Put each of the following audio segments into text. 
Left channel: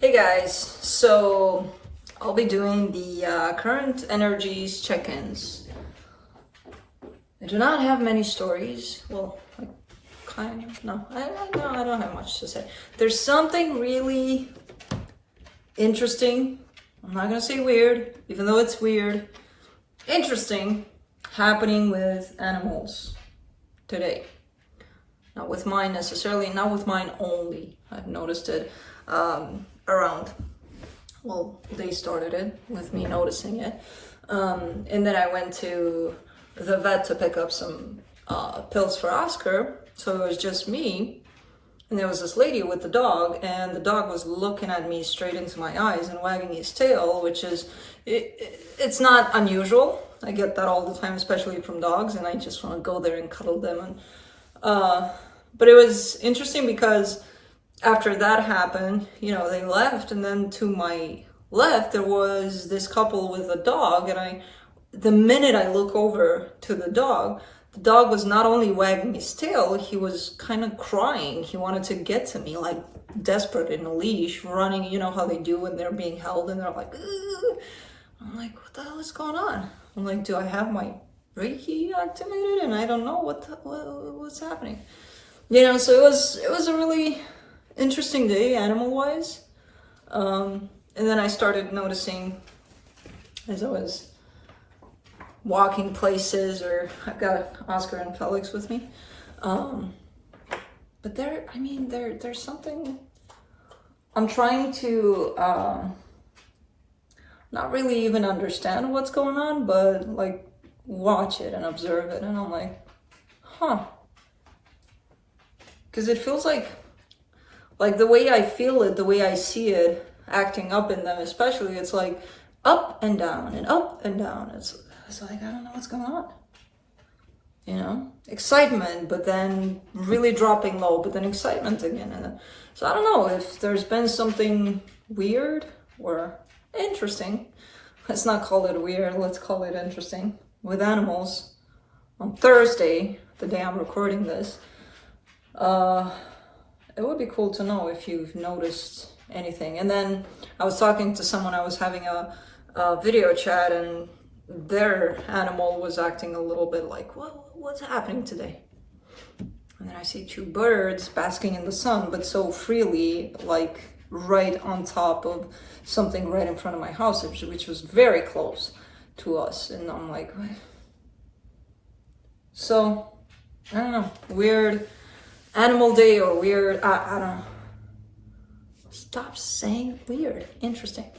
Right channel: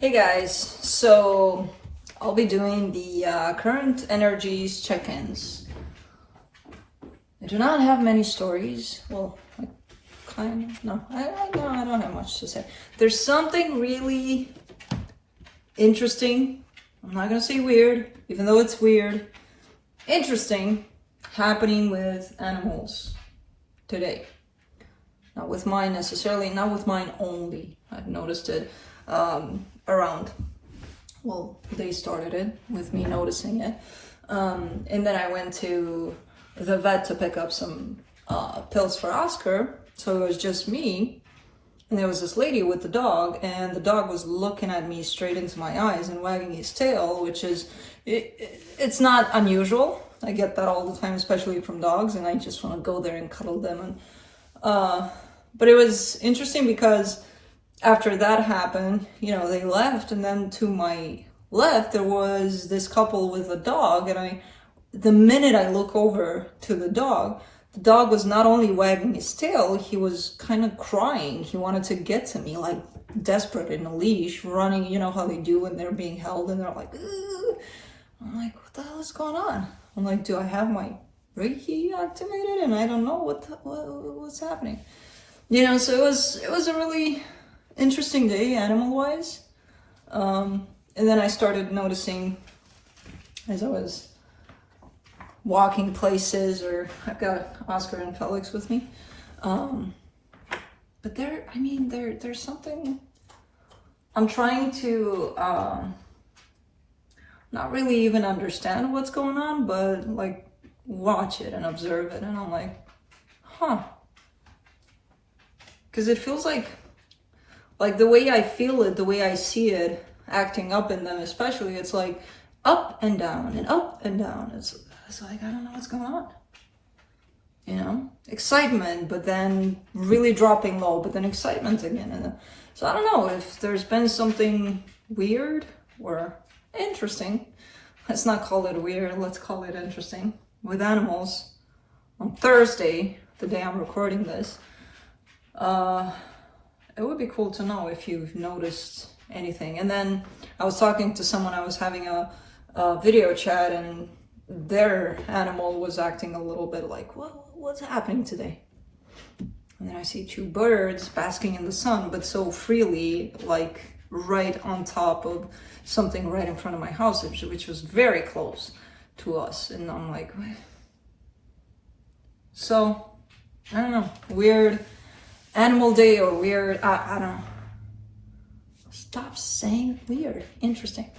Hey guys, so I'll be doing the current energies check-ins. I do not have many stories. Well, kind of. No, I don't have much to say. There's something really interesting. I'm not gonna say weird, even though it's weird. Interesting happening with animals today. Not with mine necessarily, not with mine only. I've noticed it around. Well, they started it with me noticing it. And then I went to the vet to pick up some pills for Oscar. So it was just me. And there was this lady with the dog, and the dog was looking at me straight into my eyes and wagging his tail, which is, it's not unusual. I get that all the time, especially from dogs, and I just want to go there and cuddle them. But it was interesting because after that happened, you know, they left, and then to my left, there was this couple with a dog, and the minute I look over to the dog was not only wagging his tail, he was kind of crying. He wanted to get to me, like desperate in a leash, running, you know how they do when they're being held, and they're like, ugh. I'm like, what the hell is going on? I'm like, do I have my Reiki activated? And I don't know what's happening. You know, so it was a really interesting day, animal-wise. And then I started noticing as I was walking places, or I've got Oscar and Felix with me. But there's something I'm trying to not really even understand what's going on, but like watch it and observe it. And I'm like, huh. Because it feels like the way I feel it, the way I see it acting up in them especially, it's like up and down and up and down. It's like, I don't know what's going on. You know, excitement, but then really dropping low, but then excitement again. And so I don't know if there's been something weird or interesting. Let's not call it weird, let's call it interesting with animals on Thursday, the day I'm recording this. It would be cool to know if you've noticed anything. And then I was talking to someone, I was having a video chat, and their animal was acting a little bit like, what's happening today? And then I see two birds basking in the sun, but so freely, like right on top of something right in front of my house, which was very close to us. And I'm like, what? So, I don't know, weird animal day or weird, I don't know. Stop saying weird. Interesting.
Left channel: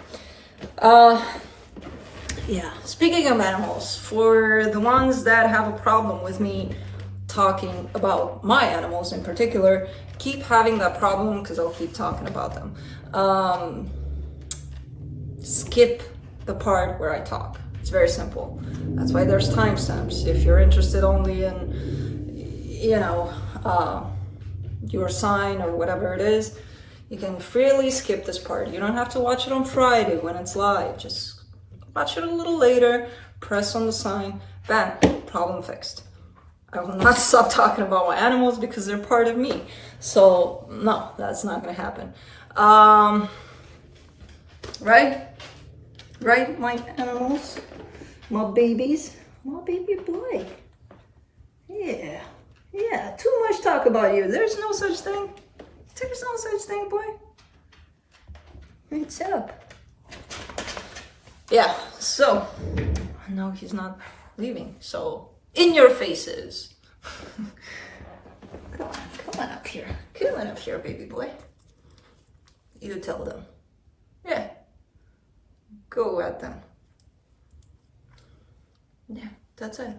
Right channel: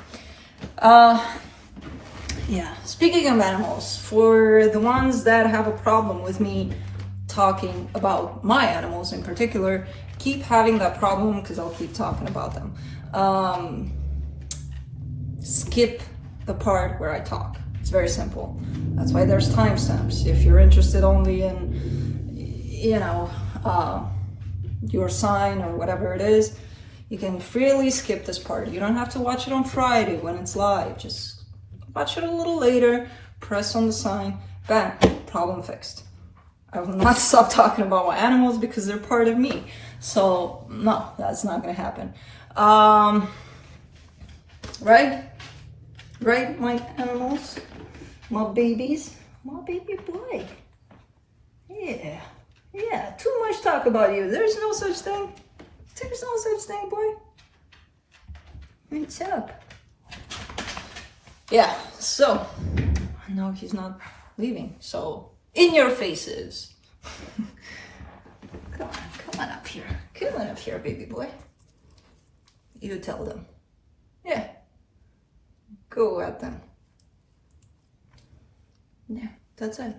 Yeah, speaking of animals, for the ones that have a problem with me talking about my animals in particular, keep having that problem because I'll keep talking about them. Skip the part where I talk. It's very simple. That's why there's timestamps. If you're interested only in, you know, your sign or whatever it is, you can freely skip this part. You don't have to watch it on Friday when it's live. Just watch it a little later, press on the sign, bam, problem fixed. I will not stop talking about my animals because they're part of me. So no, that's not gonna happen. Right, my animals, my babies, my baby boy. Yeah, too much talk about you. There's no such thing. There's no such thing, boy. What's up? Yeah, so, no, he's not leaving. So, in your faces. Come on up here. Come on up here, baby boy. You tell them. Yeah. Go at them. Yeah, that's it.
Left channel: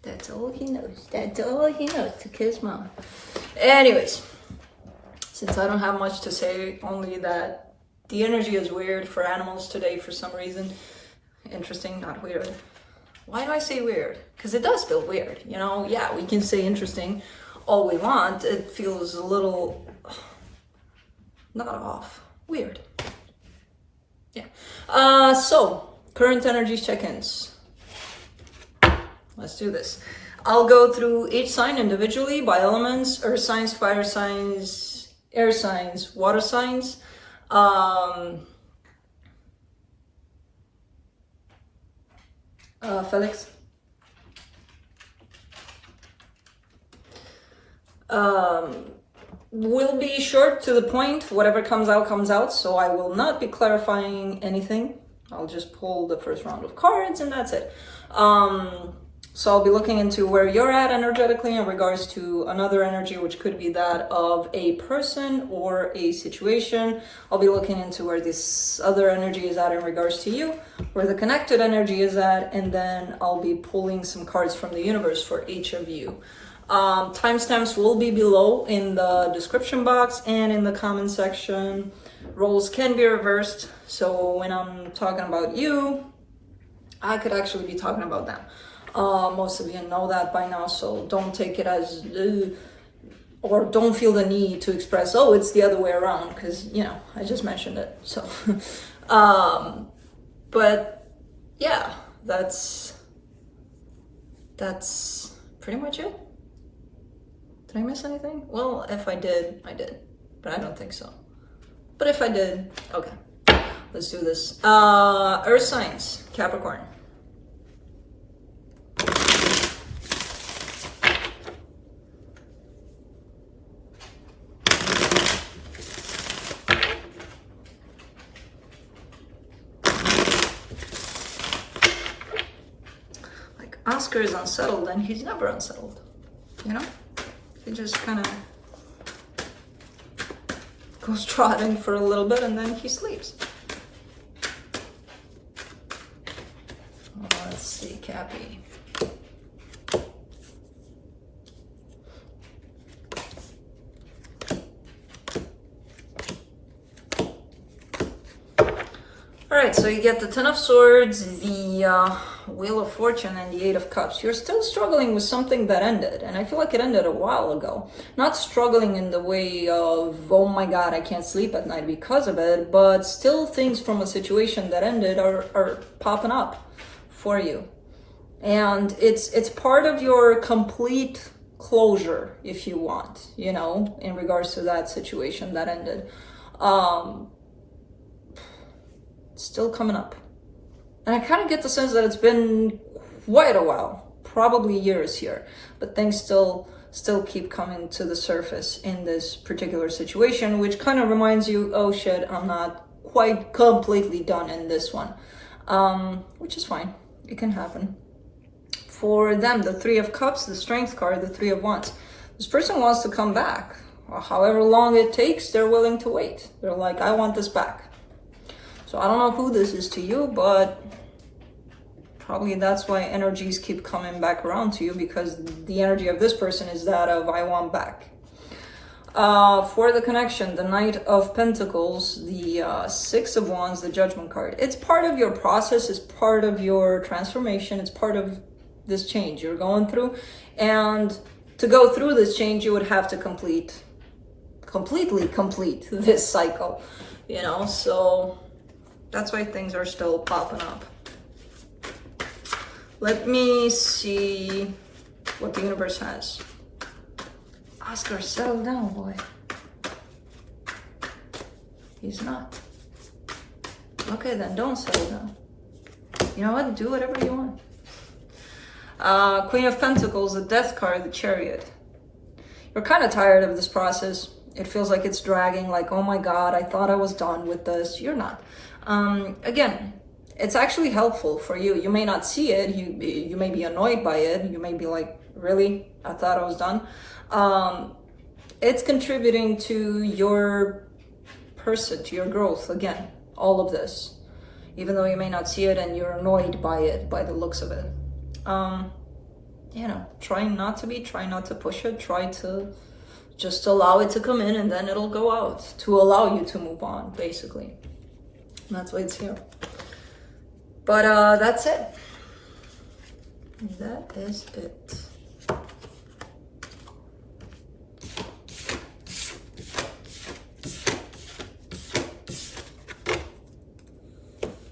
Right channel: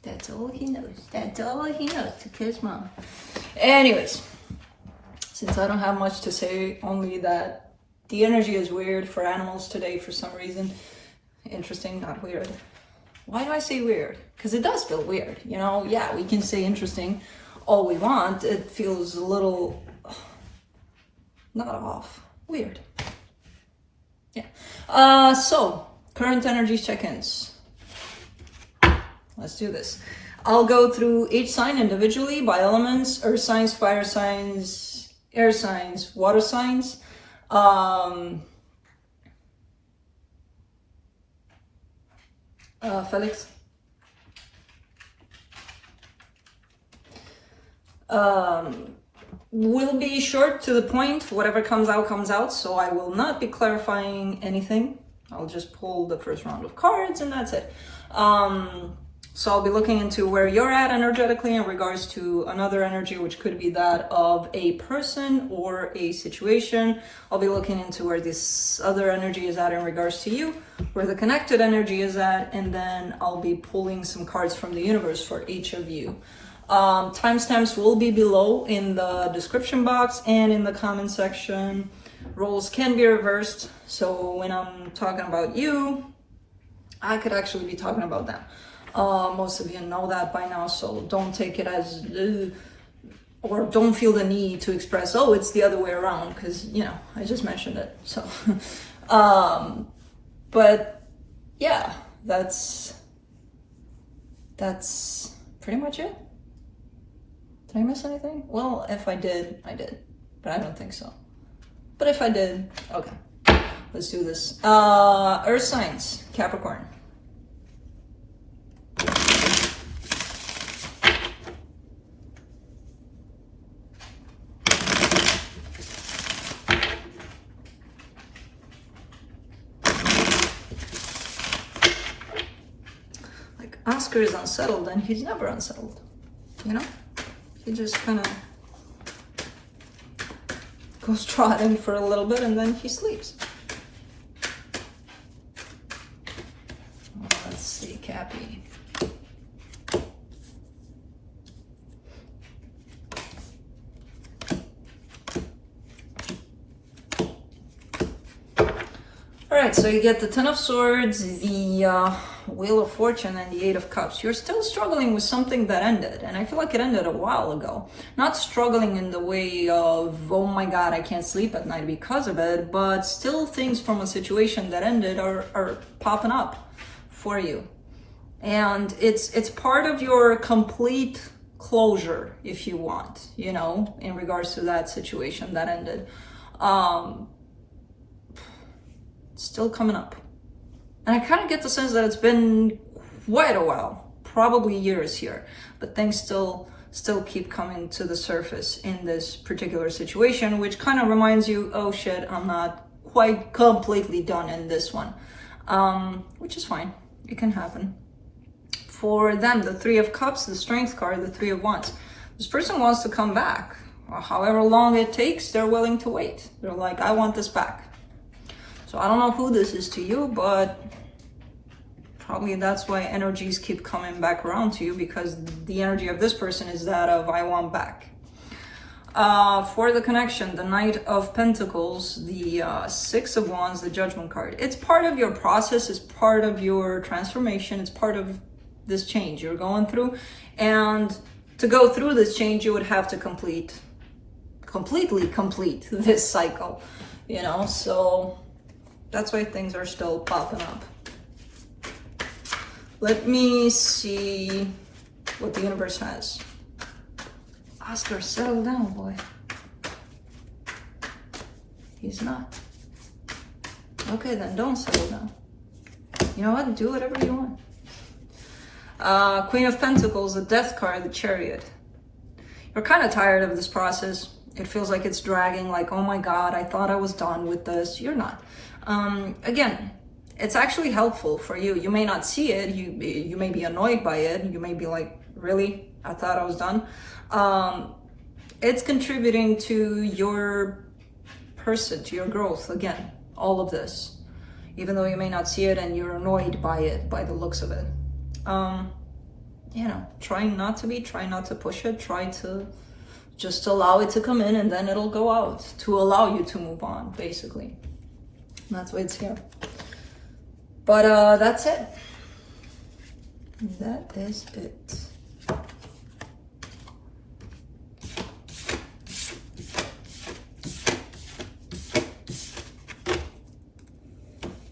That's all he knows. That's all he knows, to kiss mama. Anyways, since I don't have much to say, only that the energy is weird for animals today for some reason. Interesting, not weird. Why do I say weird? Because it does feel weird, you know? Yeah, we can say interesting all we want. It feels a little, not off, weird. Yeah. So, current energy check-ins. Let's do this. I'll go through each sign individually by elements: earth signs, fire signs, air signs, water signs. Felix. Will be short to the point. Whatever comes out, comes out. So I will not be clarifying anything. I'll just pull the first round of cards and that's it. So I'll be looking into where you're at energetically in regards to another energy, which could be that of a person or a situation. I'll be looking into where this other energy is at in regards to you, where the connected energy is at, and then I'll be pulling some cards from the universe for each of you. Timestamps will be below in the description box and in the comment section. Roles can be reversed, so when I'm talking about you, I could actually be talking about them. Most of you know that by now, so don't take it as, or don't feel the need to express, oh, it's the other way around, because, you know, I just mentioned it, so. But, yeah, that's pretty much it. Did I miss anything? Well, if I did, I did, but I don't think so. But if I did, okay, let's do this. Earth signs, Capricorn. Like Oscar is unsettled and he's never unsettled, you know? He just kind of goes trotting for a little bit and then he sleeps. Let's see, Cappy. Alright, so you get the Ten of Swords, the Wheel of Fortune, and the Eight of Cups. You're still struggling with something that ended, and I feel like it ended a while ago. Not struggling in the way of, oh my god, I can't sleep at night because of it, but still things from a situation that ended are popping up for you. And it's part of your complete closure, if you want, you know, in regards to that situation that ended. Still coming up. And I kind of get the sense that it's been quite a while, probably years here, but things still keep coming to the surface in this particular situation, which kind of reminds you, oh shit, I'm not quite completely done in this one, which is fine. It can happen. For them, the Three of Cups, the Strength card, the Three of Wands. This person wants to come back. However long it takes, they're willing to wait. They're like, I want this back. So I don't know who this is to you, but probably that's why energies keep coming back around to you, because the energy of this person is that of I want back. For the connection, the Knight of Pentacles, the Six of Wands, the Judgment card. It's part of your process, it's part of your transformation, it's part of this change you're going through. And to go through this change, you would have to completely complete this cycle, you know, so that's why things are still popping up. Let me see what the universe has. Oscar, settle down, boy. He's not. Okay, then don't settle down. You know what? Do whatever you want. Queen of Pentacles, the Death card, the Chariot. You're kind of tired of this process. It feels like it's dragging, like, oh my god, I thought I was done with this. You're not. Again, it's actually helpful for you. You may not see it. You may be annoyed by it. You may be like, really? I thought I was done. It's contributing to your person, to your growth. Again, all of this, even though you may not see it and you're annoyed by it, by the looks of it. You know, trying not to be, try not to push it, try to just allow it to come in and then it'll go out to allow you to move on, basically. And that's why it's here. But that's it. That is it.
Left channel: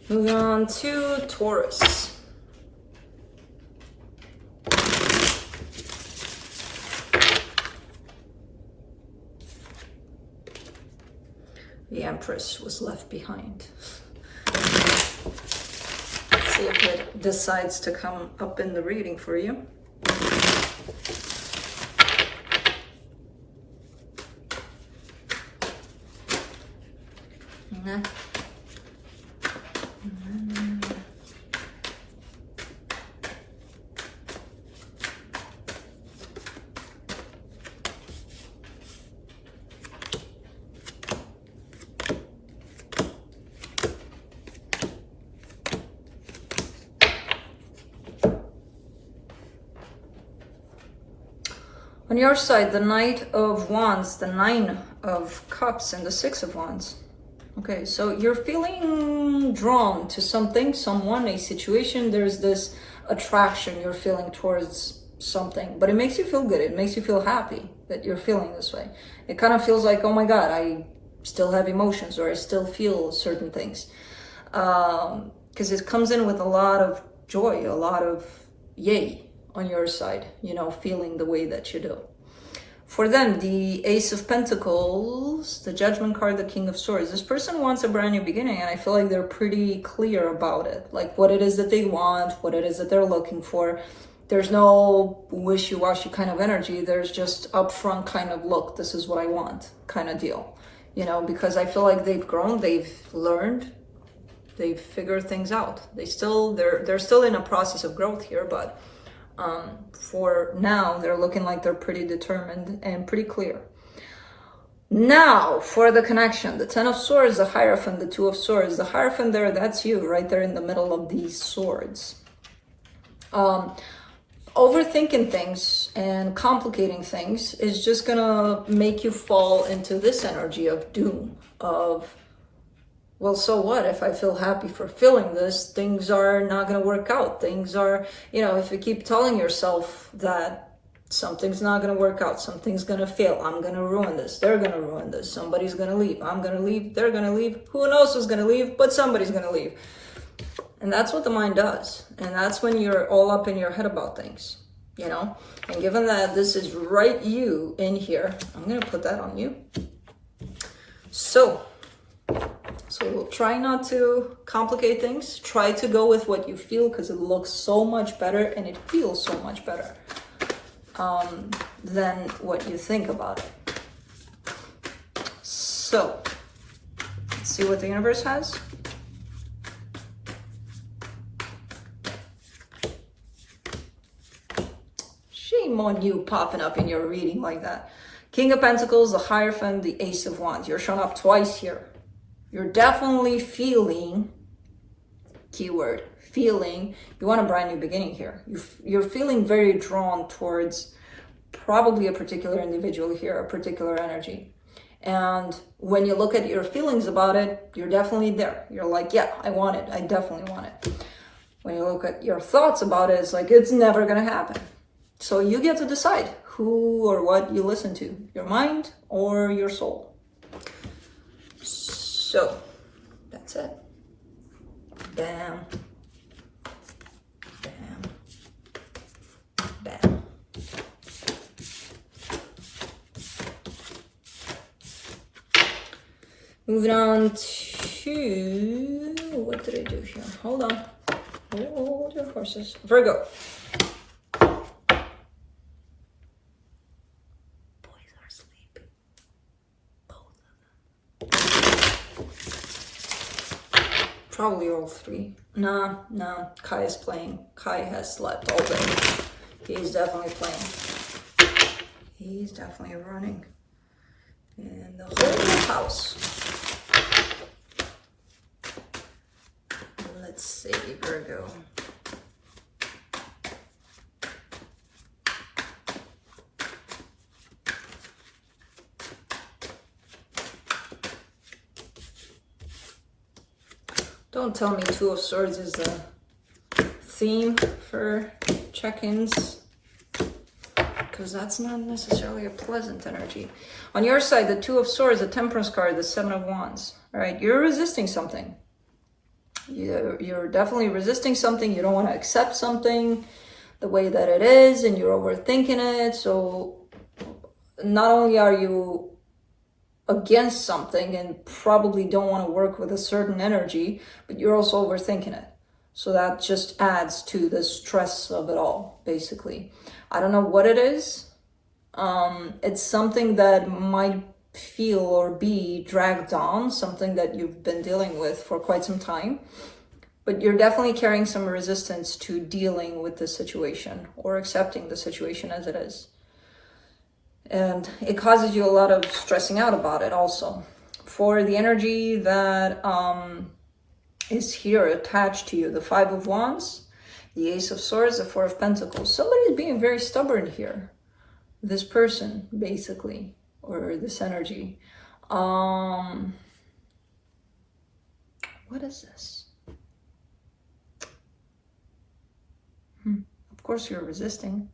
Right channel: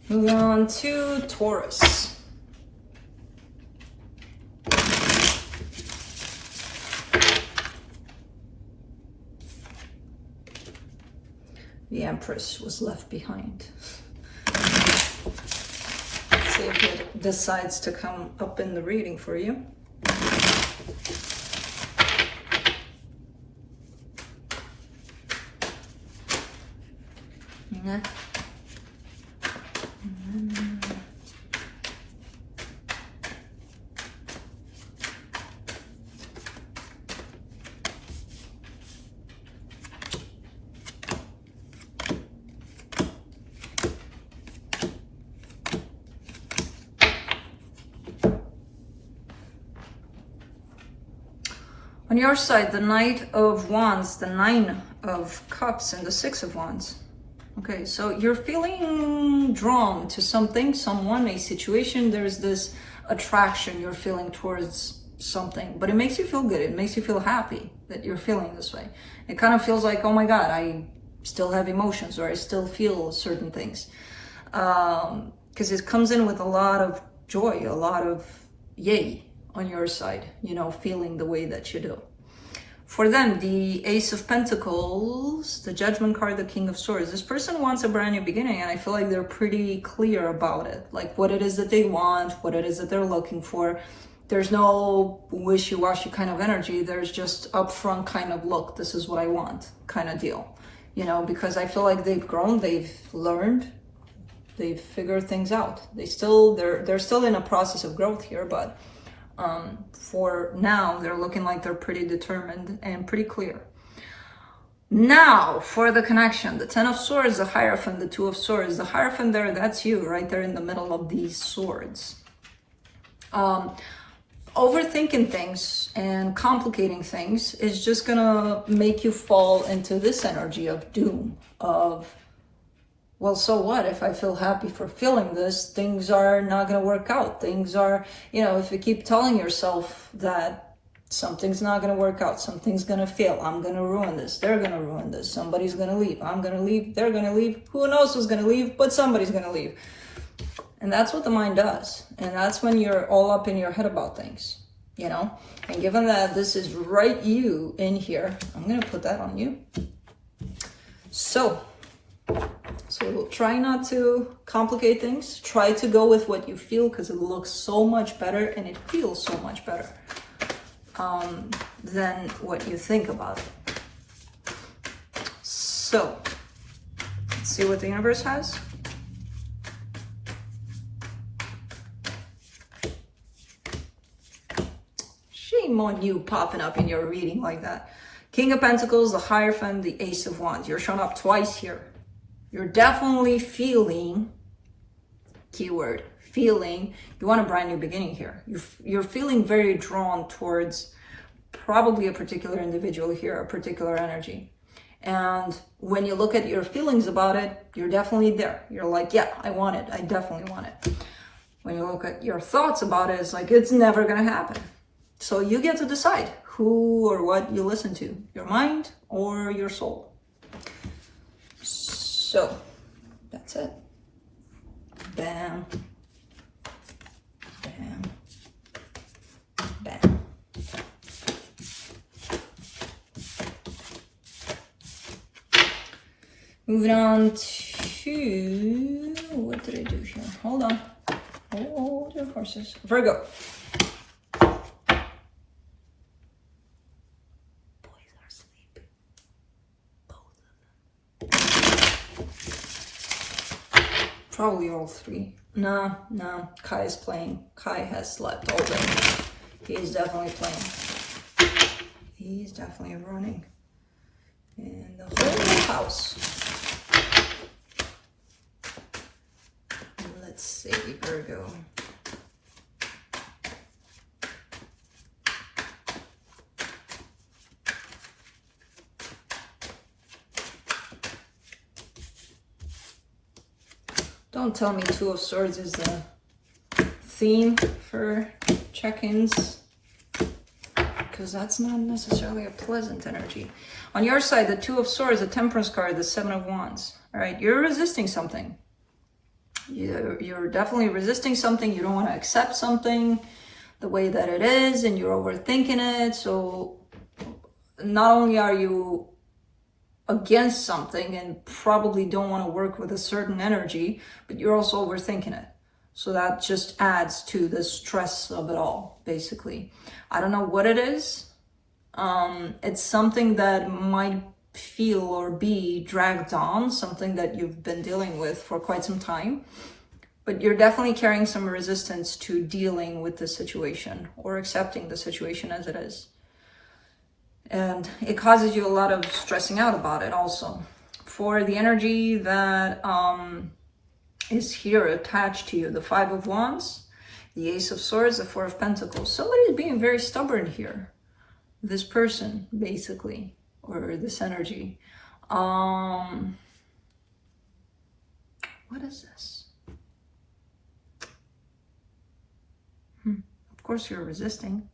Moving on to Taurus. The Empress was left behind. Let's see if it decides to come up in the reading for you. On your side, the Knight of Wands, the Nine of Cups, and the Six of Wands. Okay, so you're feeling drawn to something, someone, a situation. There's this attraction you're feeling towards something, but it makes you feel good. It makes you feel happy that you're feeling this way. It kind of feels like, oh my God, I still have emotions, or I still feel certain things. Because it comes in with a lot of joy, a lot of yay on your side, you know, feeling the way that you do. For them, the Ace of Pentacles, the Judgment card, the King of Swords. This person wants a brand new beginning, and I feel like they're pretty clear about it. Like what it is that they want, what it is that they're looking for. There's no wishy-washy kind of energy. There's just upfront kind of, look, this is what I want kind of deal. You know, because I feel like they've grown, they've learned, they've figured things out. They're still in a process of growth here, but for now, they're looking like they're pretty determined and pretty clear. Now, for the connection, the Ten of Swords, the Hierophant, the Two of Swords. The Hierophant there, that's you, right there in the middle of these swords. Overthinking things and complicating things is just gonna make you fall into this energy of doom, of, well, so what? If I feel happy for feeling this, things are not going to work out. Things are, you know, if you keep telling yourself that something's not going to work out, something's going to fail, I'm going to ruin this, they're going to ruin this, somebody's going to leave, I'm going to leave, they're going to leave, who knows who's going to leave, but somebody's going to leave. And that's what the mind does. And that's when you're all up in your head about things, you know? And given that this is right you in here, I'm going to put that on you. So try not to complicate things. Try to go with what you feel, because it looks so much better and it feels so much better than what you think about it. So, let's see what the universe has. Shame on you popping up in your reading like that. King of Pentacles, the Hierophant, the Ace of Wands. You're showing up twice here. You're definitely feeling, keyword, feeling, you want a brand new beginning here. You're feeling very drawn towards probably a particular individual here, a particular energy. And when you look at your feelings about it, you're definitely there. You're like, yeah, I want it. I definitely want it. When you look at your thoughts about it, it's like, it's never going to happen. So you get to decide who or what you listen to, your mind or your soul. So, that's it. Bam. Bam. Bam. Moving on to, what did I do here? Hold on. Hold your horses. Virgo. Probably all three. No. Kai is playing. Kai has slept all day. He's definitely playing. He's definitely running in the whole house. Let's see, Virgo. Don't tell me Two of Swords is the theme for check-ins, because that's not necessarily a pleasant energy. On your side, the Two of Swords, the Temperance card, the Seven of Wands. All right, you're resisting something. You're definitely resisting something. You don't want to accept something the way that it is, and you're overthinking it. So not only are you against something and probably don't want to work with a certain energy, but you're also overthinking it. So that just adds to the stress of it all, basically. I don't know what it is. It's something that might feel or be dragged on, something that you've been dealing with for quite some time, but you're definitely carrying some resistance to dealing with the situation or accepting the situation as it is. And it causes you a lot of stressing out about it also. For the energy that is here attached to you, the Five of Wands, the Ace of Swords, the Four of Pentacles, somebody's being very stubborn here. This person, basically, or this energy. What is this? Of course you're resisting.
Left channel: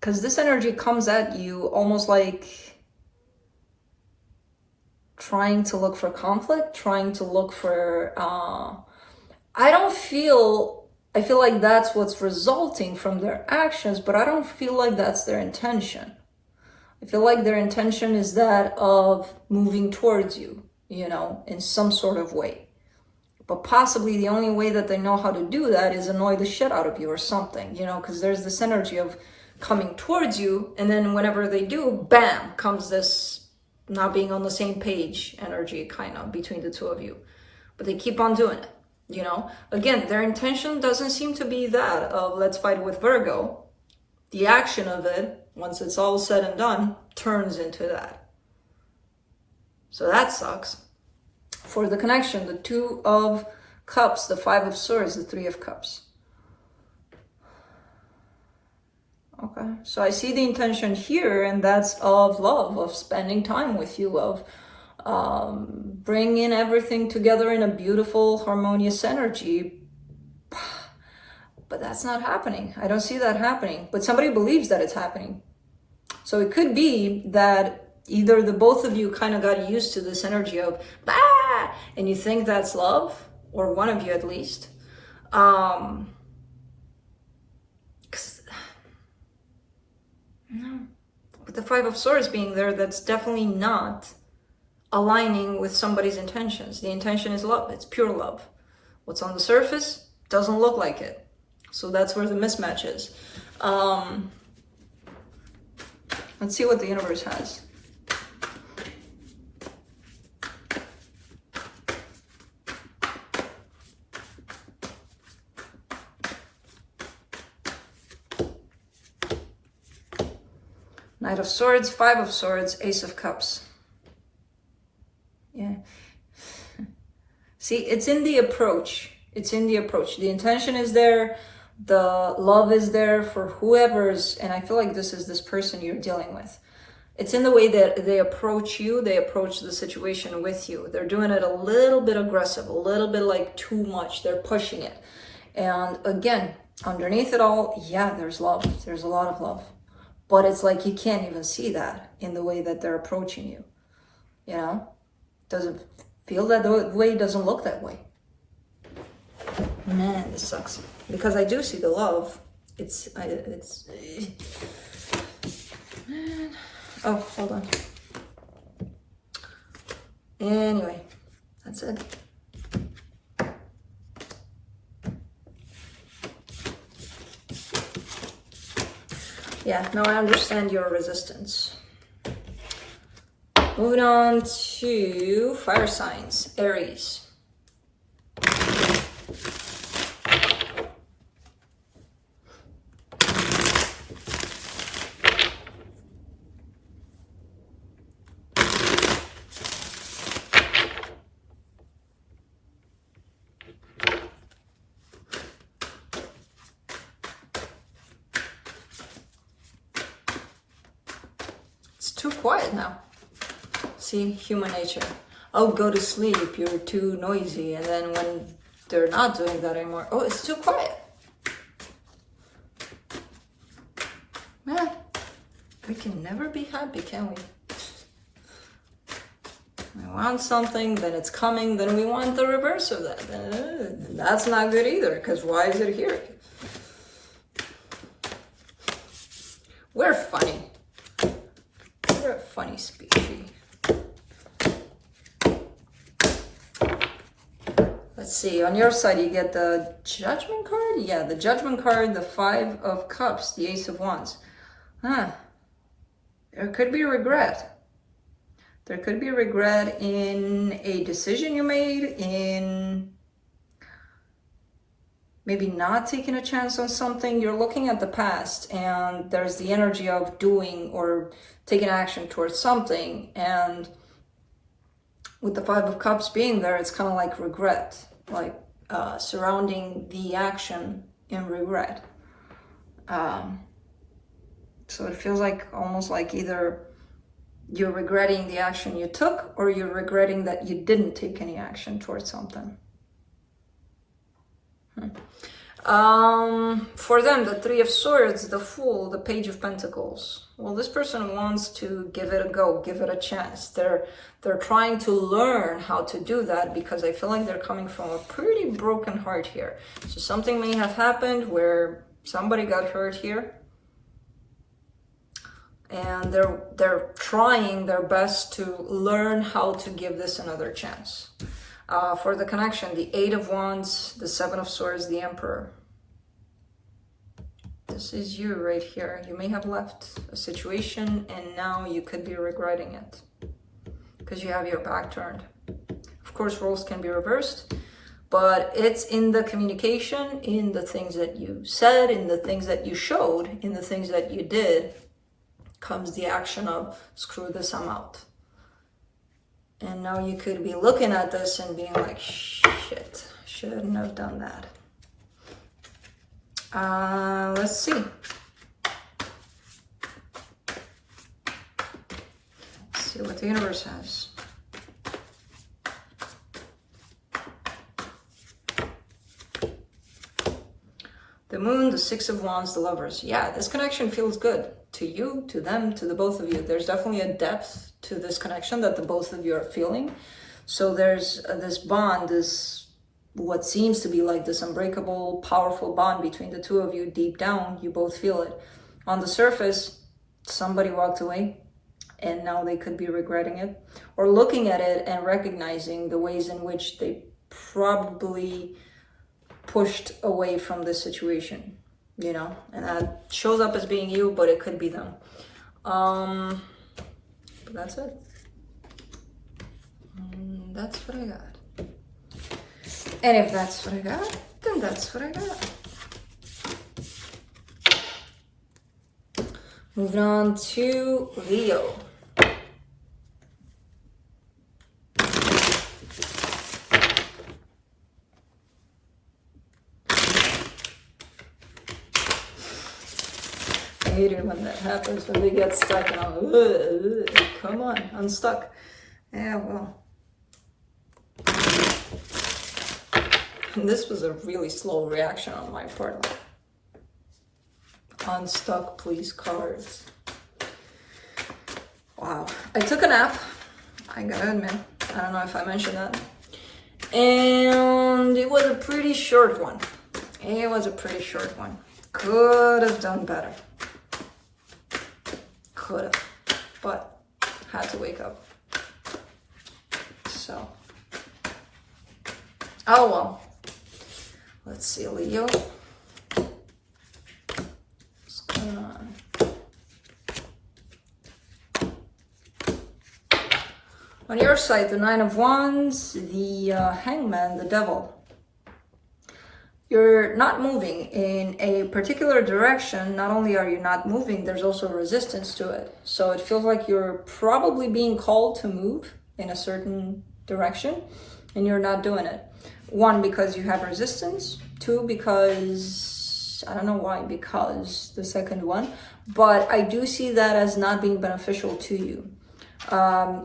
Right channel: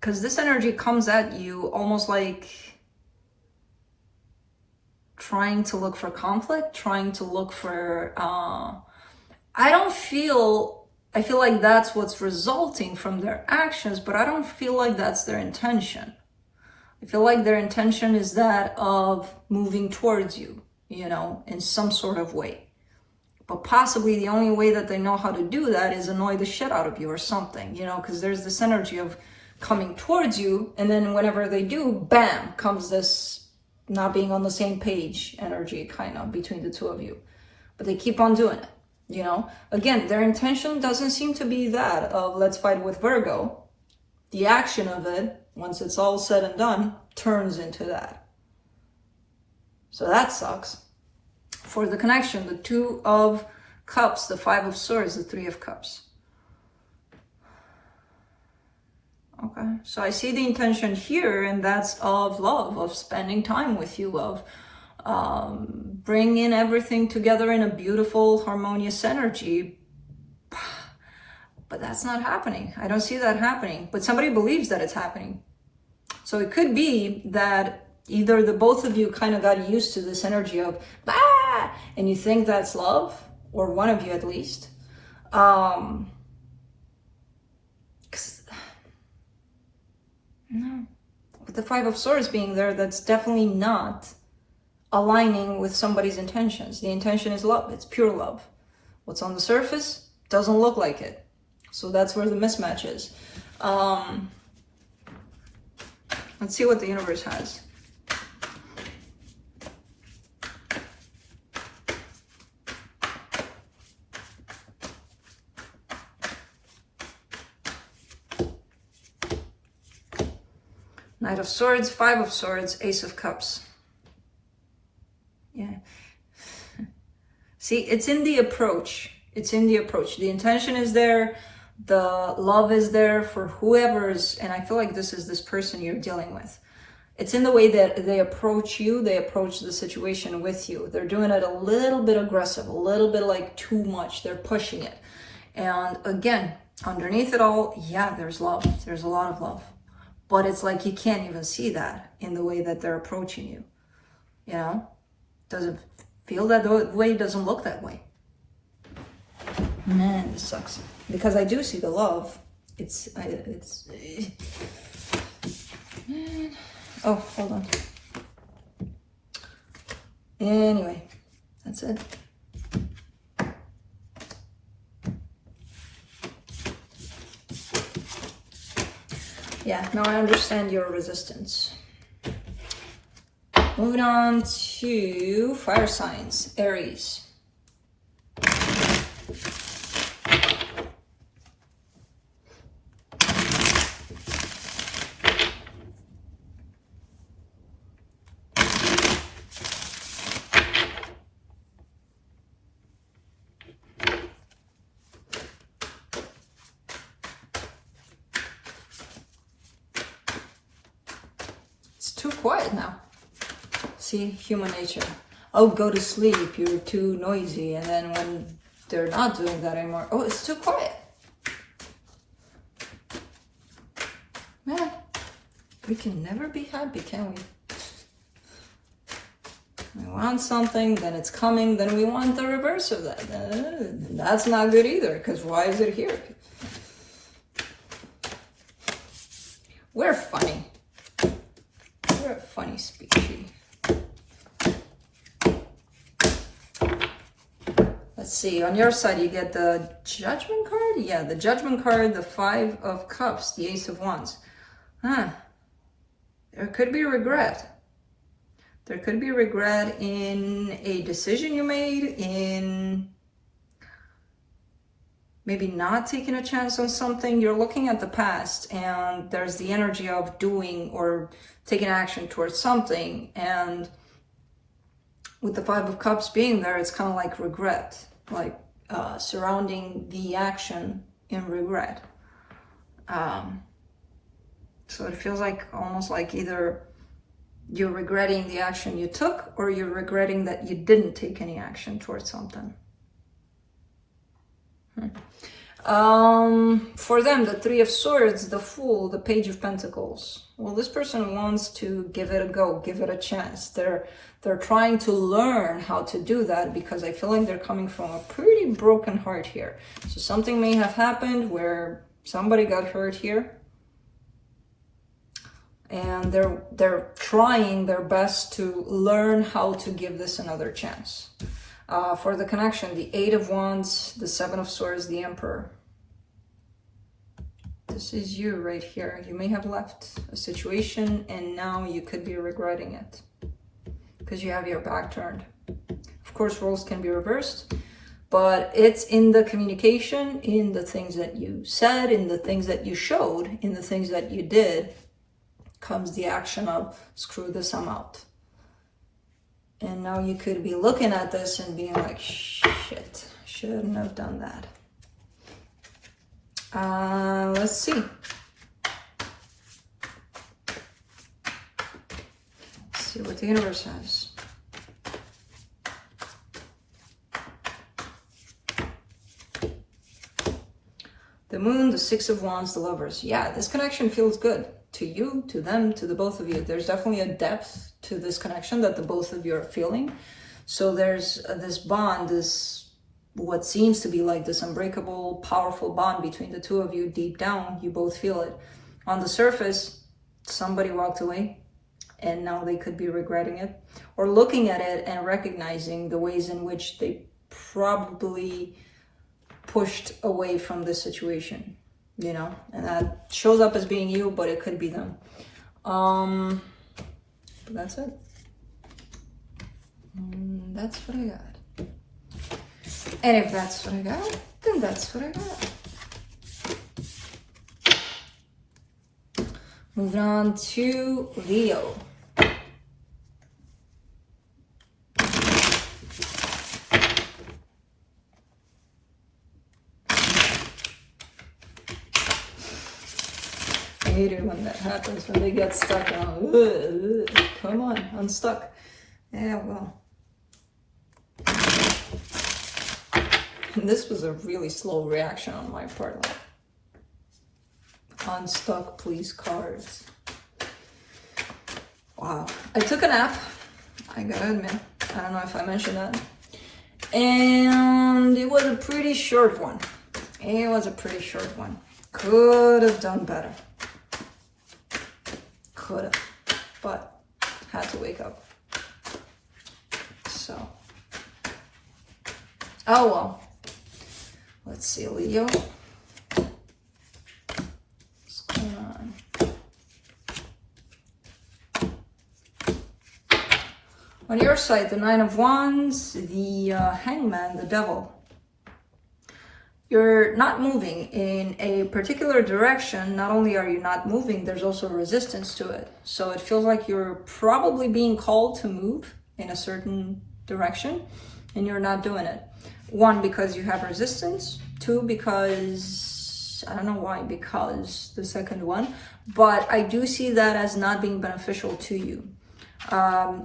Because this energy comes at you almost like trying to look for conflict, trying to look for... I feel like that's what's resulting from their actions, but I don't feel like that's their intention. I feel like their intention is that of moving towards you, you know, in some sort of way. But possibly the only way that they know how to do that is annoy the shit out of you or something, you know, because there's this energy of coming towards you, and then whenever they do, bam, comes this not being on the same page energy kind of between the two of you. But they keep on doing it, you know. Again, their intention doesn't seem to be that of let's fight with Virgo. The action of it, once it's all said and done, turns into that. So that sucks. For the connection, the Two of Cups, the Five of Swords, the Three of Cups. Okay, so I see the intention here, and that's of love, of spending time with you, of bringing everything together in a beautiful, harmonious energy. But that's not happening. I don't see that happening. But somebody believes that it's happening. So it could be that either the both of you kind of got used to this energy of, bah! And you think that's love, or one of you at least. No, with the Five of Swords being there, that's definitely not aligning with somebody's intentions. The intention is love. It's pure love. What's on the surface doesn't look like it. So that's where the mismatch is. Let's see what the universe has. Knight of Swords, Five of Swords, Ace of Cups. Yeah. See, it's in the approach. It's in the approach. The intention is there. The love is there for whoever's, and I feel like this is this person you're dealing with. It's in the way that they approach you, they approach the situation with you. They're doing it a little bit aggressive, a little bit like too much. They're pushing it. And again, underneath it all, yeah, there's love. There's a lot of love. But it's like you can't even see that in the way that they're approaching you. You know? Doesn't feel that way, doesn't look that way. Man, this sucks. Because I do see the love. Man. Oh, hold on. Anyway, that's it. Yeah, now I understand your resistance. Moving on to fire signs, Aries. Too quiet now. See, human nature. Oh, go to sleep, you're too noisy. And then when they're not doing that anymore, oh, it's too quiet. Man, we can never be happy, can we? We want something, then it's coming, then we want the reverse of that. That's not good either, because why is it here? We're funny. We're a funny species. Let's see, on your side you get the Judgment card. Yeah, the Judgment card, the Five of Cups, the Ace of Wands. There could be regret. There could be regret in a decision you made, in maybe not taking a chance on something. You're looking at the past and there's the energy of doing or taking action towards something. And with the Five of Cups being there, it's kind of like regret, like surrounding the action in regret. So it feels like almost like either you're regretting the action you took or you're regretting that you didn't take any action towards something. For them, the Three of Swords, the Fool, the Page of Pentacles. Well, this person wants to give it a go, give it a chance. They're trying to learn how to do that because I feel like they're coming from a pretty broken heart here. So something may have happened where somebody got hurt here. And they're trying their best to learn how to give this another chance. For the connection, the Eight of Wands, the Seven of Swords, the Emperor. This is you right here. You may have left a situation and now you could be regretting it because you have your back turned. Of course, roles can be reversed, but it's in the communication, in the things that you said, in the things that you showed, in the things that you did, comes the action of, screw this, I'm out. And now you could be looking at this and being like, shit, shouldn't have done that. Let's see. Let's see what the universe has. The Moon, the Six of Wands, the Lovers. Yeah, this connection feels good. To you, to them, to the both of you. There's definitely a depth to this connection that the both of you are feeling. So there's this bond, this what seems to be like this unbreakable, powerful bond between the two of you. Deep down, you both feel it. On the surface, somebody walked away and now they could be regretting it or looking at it and recognizing the ways in which they probably pushed away from this situation. You know, and that shows up as being you, but it could be them. But that's it. That's what I got. And if that's what I got, then that's what I got. Moving on to Leo. I hate it when that happens, when they get stuck and I'm, come on, unstuck. Yeah, well. And this was a really slow reaction on my part. Like, unstuck, please, cards. Wow. I took a nap, I gotta admit. I don't know if I mentioned that. And it was a pretty short one. It was a pretty short one. Could have done better. Could have, but had to wake up. So, oh well. Let's see, Leo. What's going on? On your side, the Nine of Wands, the Hangman, the Devil. You're not moving in a particular direction. Not only are you not moving, there's also resistance to it. So it feels like you're probably being called to move in a certain direction and you're not doing it. One, because you have resistance. Two, because, I don't know why, because the second one. But I do see that as not being beneficial to you.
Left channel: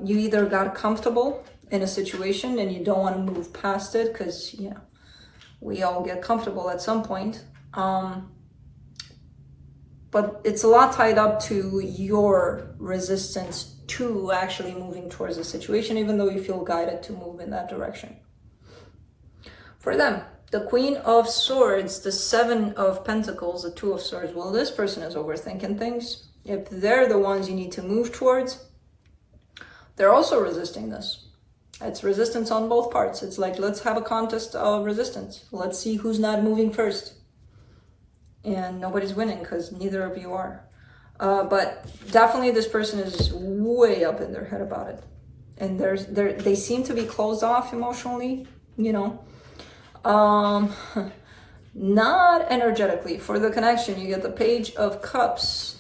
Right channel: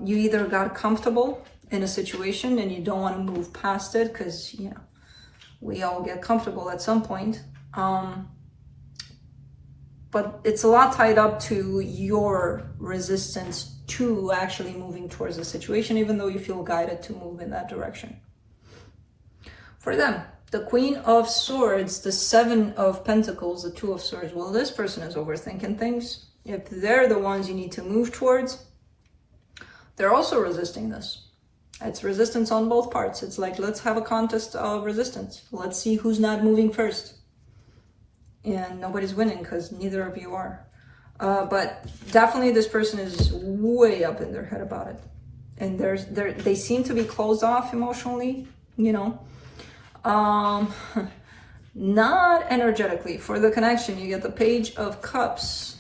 You either got comfortable in a situation and you don't want to move past it because, you know, we all get comfortable at some point. But it's a lot tied up to your resistance to actually moving towards the situation, even though you feel guided to move in that direction. For them, the Queen of Swords, the Seven of Pentacles, the Two of Swords. Well, this person is overthinking things. If they're the ones you need to move towards, they're also resisting this. It's resistance on both parts. It's like, let's have a contest of resistance. Let's see who's not moving first. And nobody's winning because neither of you are. But definitely this person is way up in their head about it. And they seem to be closed off emotionally, you know. Not energetically. For the connection, you get the Page of Cups,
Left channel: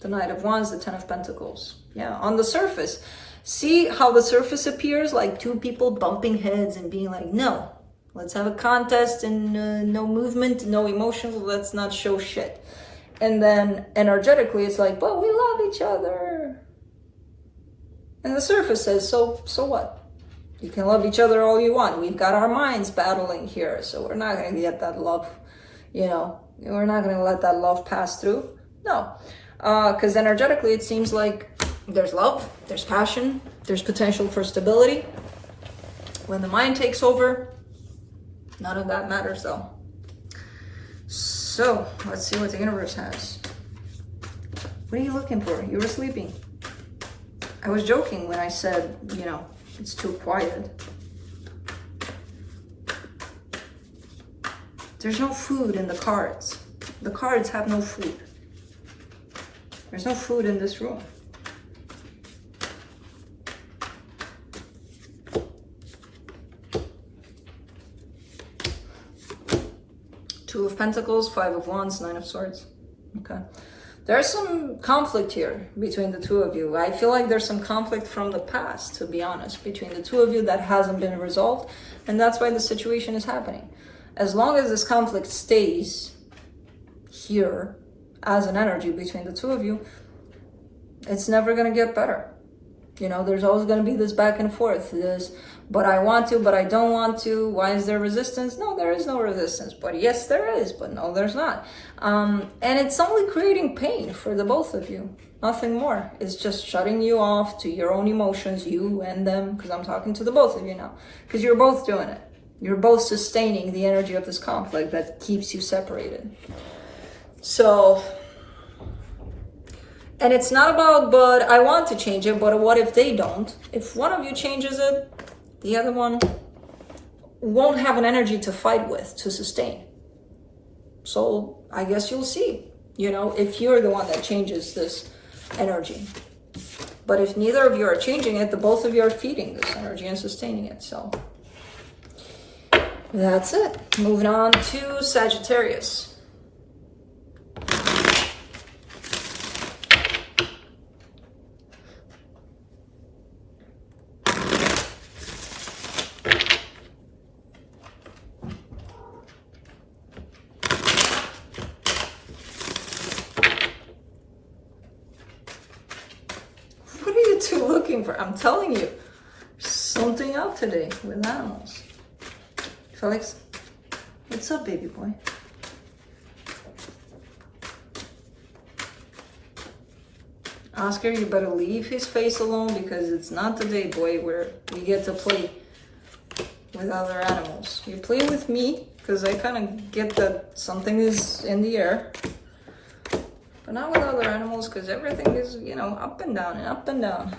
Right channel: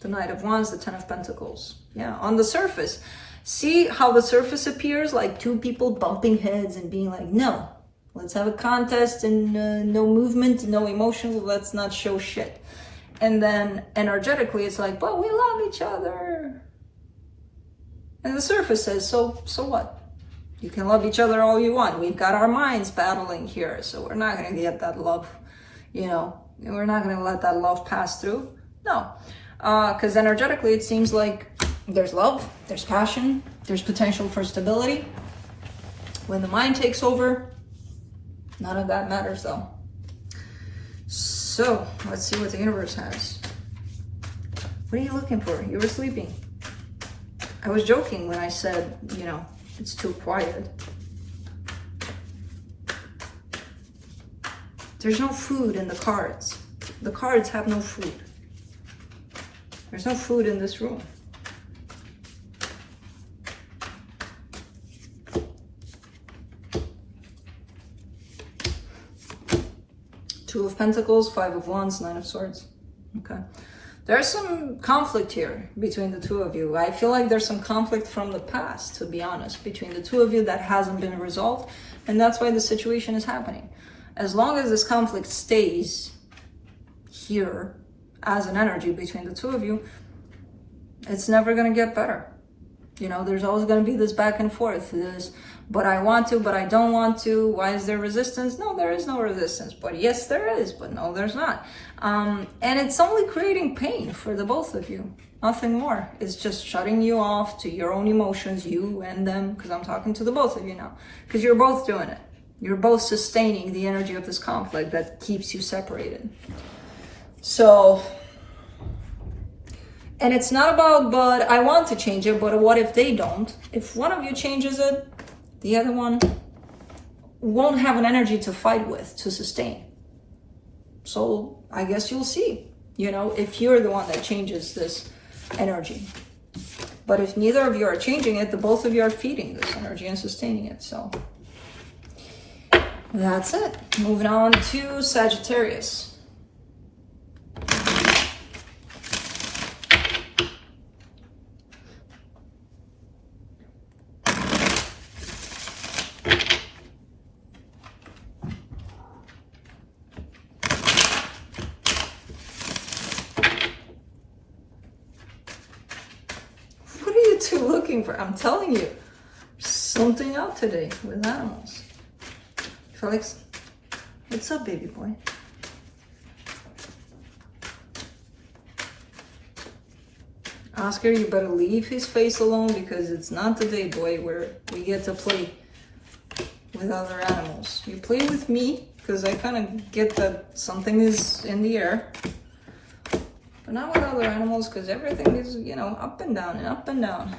the Knight of Wands, the Ten of Pentacles. Yeah, on the surface. See how the surface appears? Like two people bumping heads and being like, no, let's have a contest and no movement, no emotions, let's not show shit. And then energetically, it's like, but we love each other. And the surface says, so what? You can love each other all you want. We've got our minds battling here, so we're not going to get that love, you know, we're not going to let that love pass through. No, because energetically, it seems like there's love, there's passion, there's potential for stability. When the mind takes over, none of that matters though. So let's see what the universe has. What are you looking for? You were sleeping. I was joking when I said, you know, it's too quiet. There's no food in the cards. The cards have no food. There's no food in this room. Two of Pentacles, Five of Wands, Nine of Swords. Okay. There's some conflict here between the two of you. I feel like there's some conflict from the past, to be honest, between the two of you that hasn't been resolved. And that's why the situation is happening. As long as this conflict stays here as an energy between the two of you, it's never going to get better. You know, there's always going to be this back and forth. This, but I want to, but I don't want to. Why is there resistance? No, there is no resistance. But yes, there is. But no, there's not. And it's only creating pain for the both of you. Nothing more. It's just shutting you off to your own emotions, you and them, because I'm talking to the both of you now. Because you're both doing it. You're both sustaining the energy of this conflict that keeps you separated. So, and it's not about, but I want to change it, but what if they don't? If one of you changes it, the other one won't have an energy to fight with, to sustain. So I guess you'll see, you know, if you're the one that changes this energy. But if neither of you are changing it, the both of you are feeding this energy and sustaining it. So that's it. Moving on to Sagittarius. For, I'm telling you, something out today with animals. Felix, what's up, baby boy? Oscar, you better leave his face alone because it's not the day, boy, where we get to play with other animals. You play with me because I kind of get that something is in the air. But not with other animals because everything is, you know, up and down and up and down.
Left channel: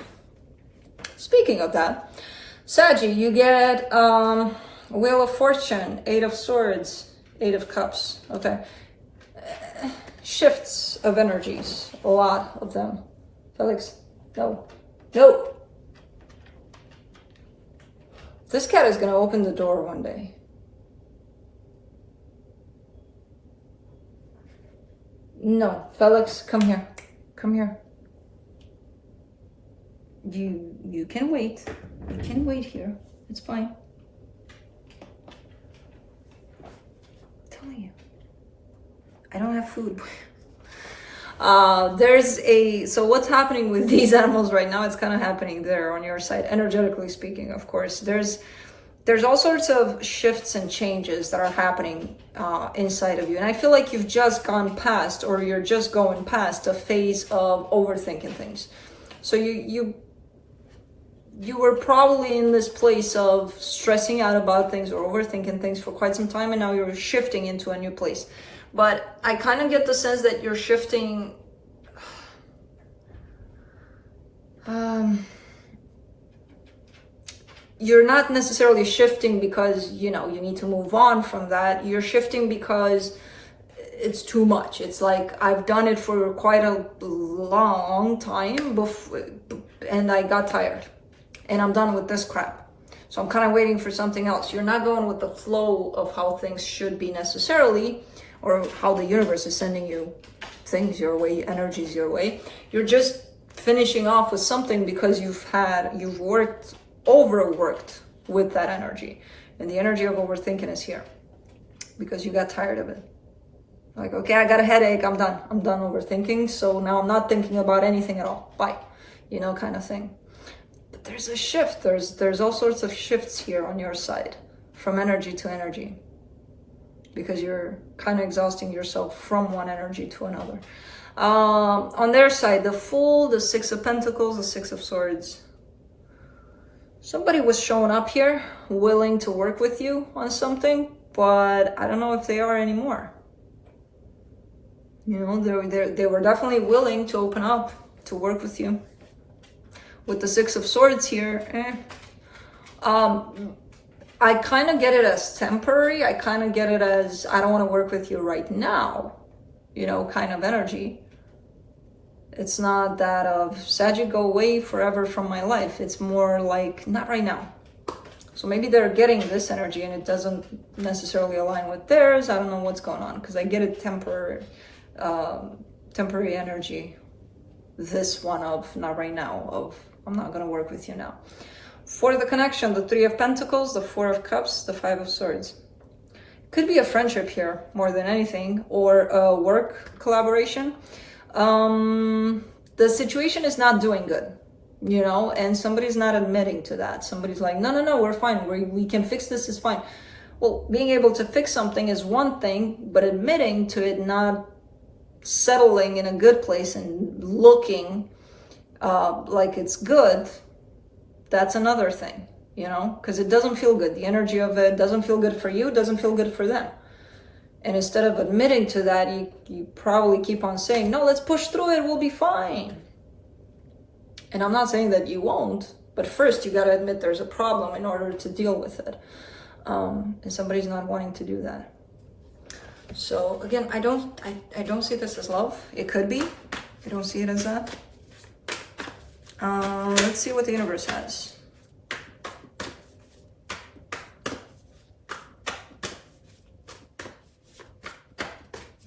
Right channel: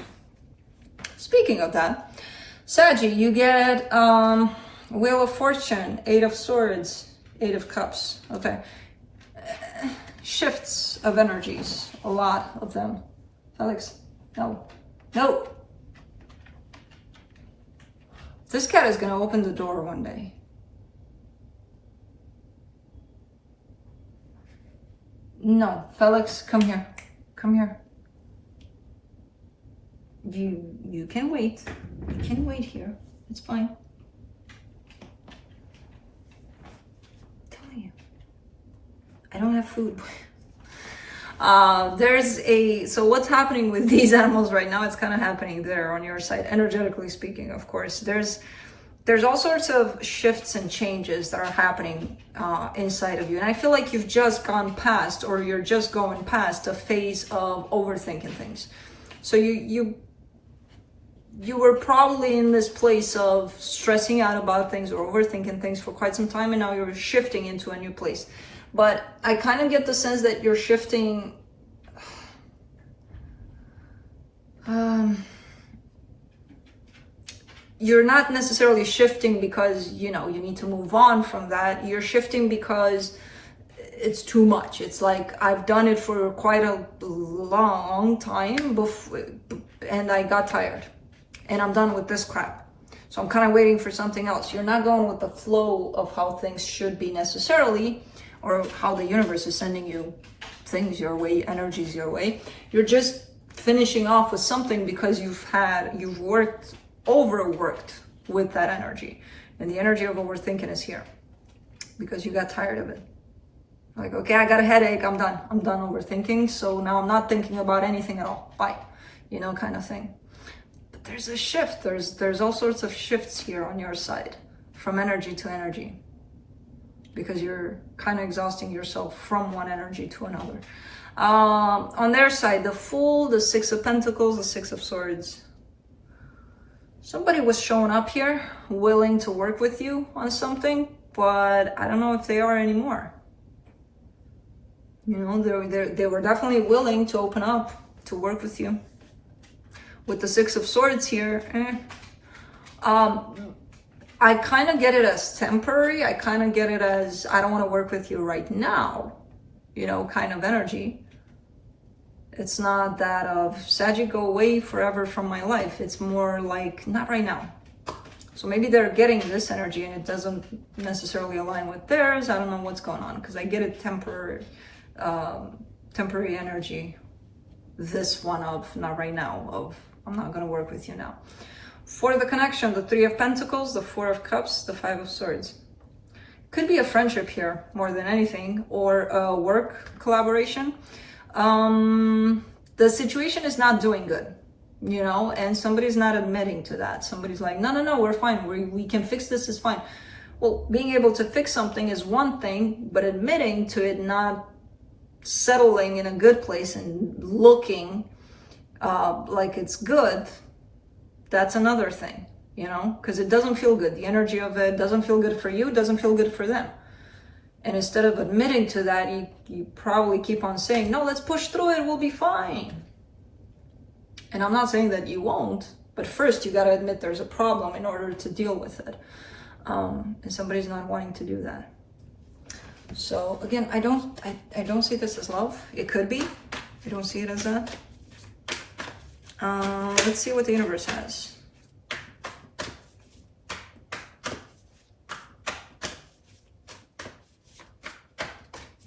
Speaking of that, Saggy, you get Wheel of Fortune, Eight of Swords, Eight of Cups. Okay. Shifts of energies, a lot of them. Felix, no. No. This cat is going to open the door one day. No, Felix, come here. Come here. You can wait. You can wait here. It's fine. I'm telling you. I don't have food. So what's happening with these animals right now, it's kind of happening there on your side, energetically speaking, of course. There's all sorts of shifts and changes that are happening inside of you. And I feel like you've just gone past, or you're just going past a phase of overthinking things. So you were probably in this place of stressing out about things or overthinking things for quite some time, and now you're shifting into a new place. But I kind of get the sense that you're shifting you're not necessarily shifting because, you know, you need to move on from that. You're shifting because it's too much. It's like, I've done it for quite a long time before, and I got tired, and I'm done with this crap. So I'm kind of waiting for something else. You're not going with the flow of how things should be necessarily, or how the universe is sending you things your way, energies your way. You're just finishing off with something because you've overworked with that energy. And the energy of overthinking is here because you got tired of it. Like, okay, I got a headache, I'm done overthinking, so now I'm not thinking about anything at all, bye, you know, kind of thing. But there's a shift, there's all sorts of shifts here on your side, from energy to energy, because you're kind of exhausting yourself from one energy to another. On their side, the Fool, the Six of Pentacles, the Six of Swords. Somebody was showing up here, willing to work with you on something, but I don't know if they are anymore. You know, they were definitely willing to open up, to work with you. With the Six of Swords here, I kind of get it as temporary. I kind of get it as, I don't want to work with you right now, you know, kind of energy. It's not that of, Saggy, go away forever from my life. It's more like, not right now. So maybe they're getting this energy and it doesn't necessarily align with theirs. I don't know what's going on, because I get it temporary energy. This one of, not right now, of, I'm not going to work with you now. For the connection, the Three of Pentacles, the Four of Cups, the Five of Swords. Could be a friendship here more than anything, or a work collaboration. The situation is not doing good, you know, and somebody's not admitting to that. Somebody's like, no, we're fine. We can fix this, is fine. Well, being able to fix something is one thing, but admitting to it not settling in a good place and looking like it's good, that's another thing, you know, because it doesn't feel good. The energy of it doesn't feel good for you, it doesn't feel good for them. And instead of admitting to that, you probably keep on saying, no, let's push through it, we'll be fine. And I'm not saying that you won't, but first you got to admit there's a problem in order to deal with it. And somebody's not wanting to do that. So again, I don't see this as love. It could be. I don't see it as that. Let's see what the universe has.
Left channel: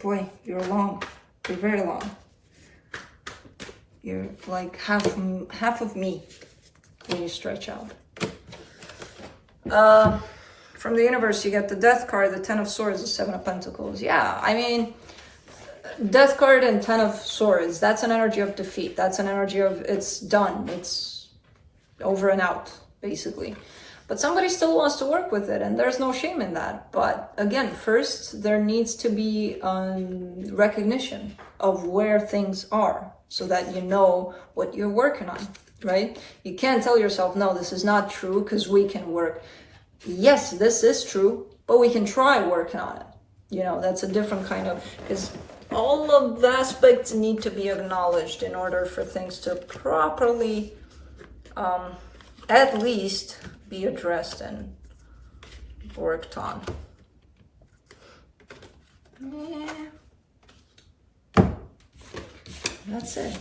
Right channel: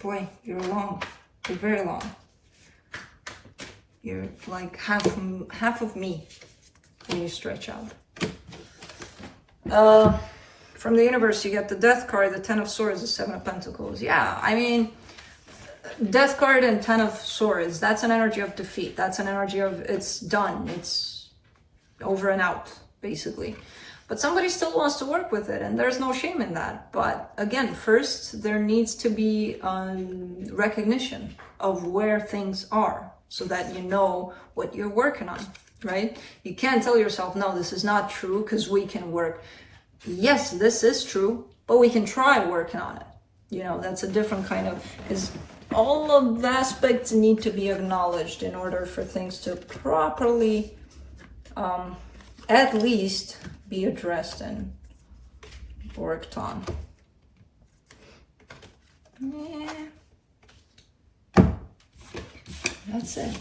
Boy, you're long. You're very long. You're like half of me when you stretch out. From the universe, you get the Death card, the Ten of Swords, the Seven of Pentacles. Yeah, I mean, Death card and Ten of Swords, that's an energy of defeat. That's an energy of, it's done. It's over and out, basically. But somebody still wants to work with it, and there's no shame in that. But again, first, there needs to be recognition of where things are, so that you know what you're working on, right? You can't tell yourself, no, this is not true, because we can work. Yes, this is true, but we can try working on it. You know, that's a different kind of, because all of the aspects need to be acknowledged in order for things to properly, at least, be addressed and worked on. Yeah. That's it.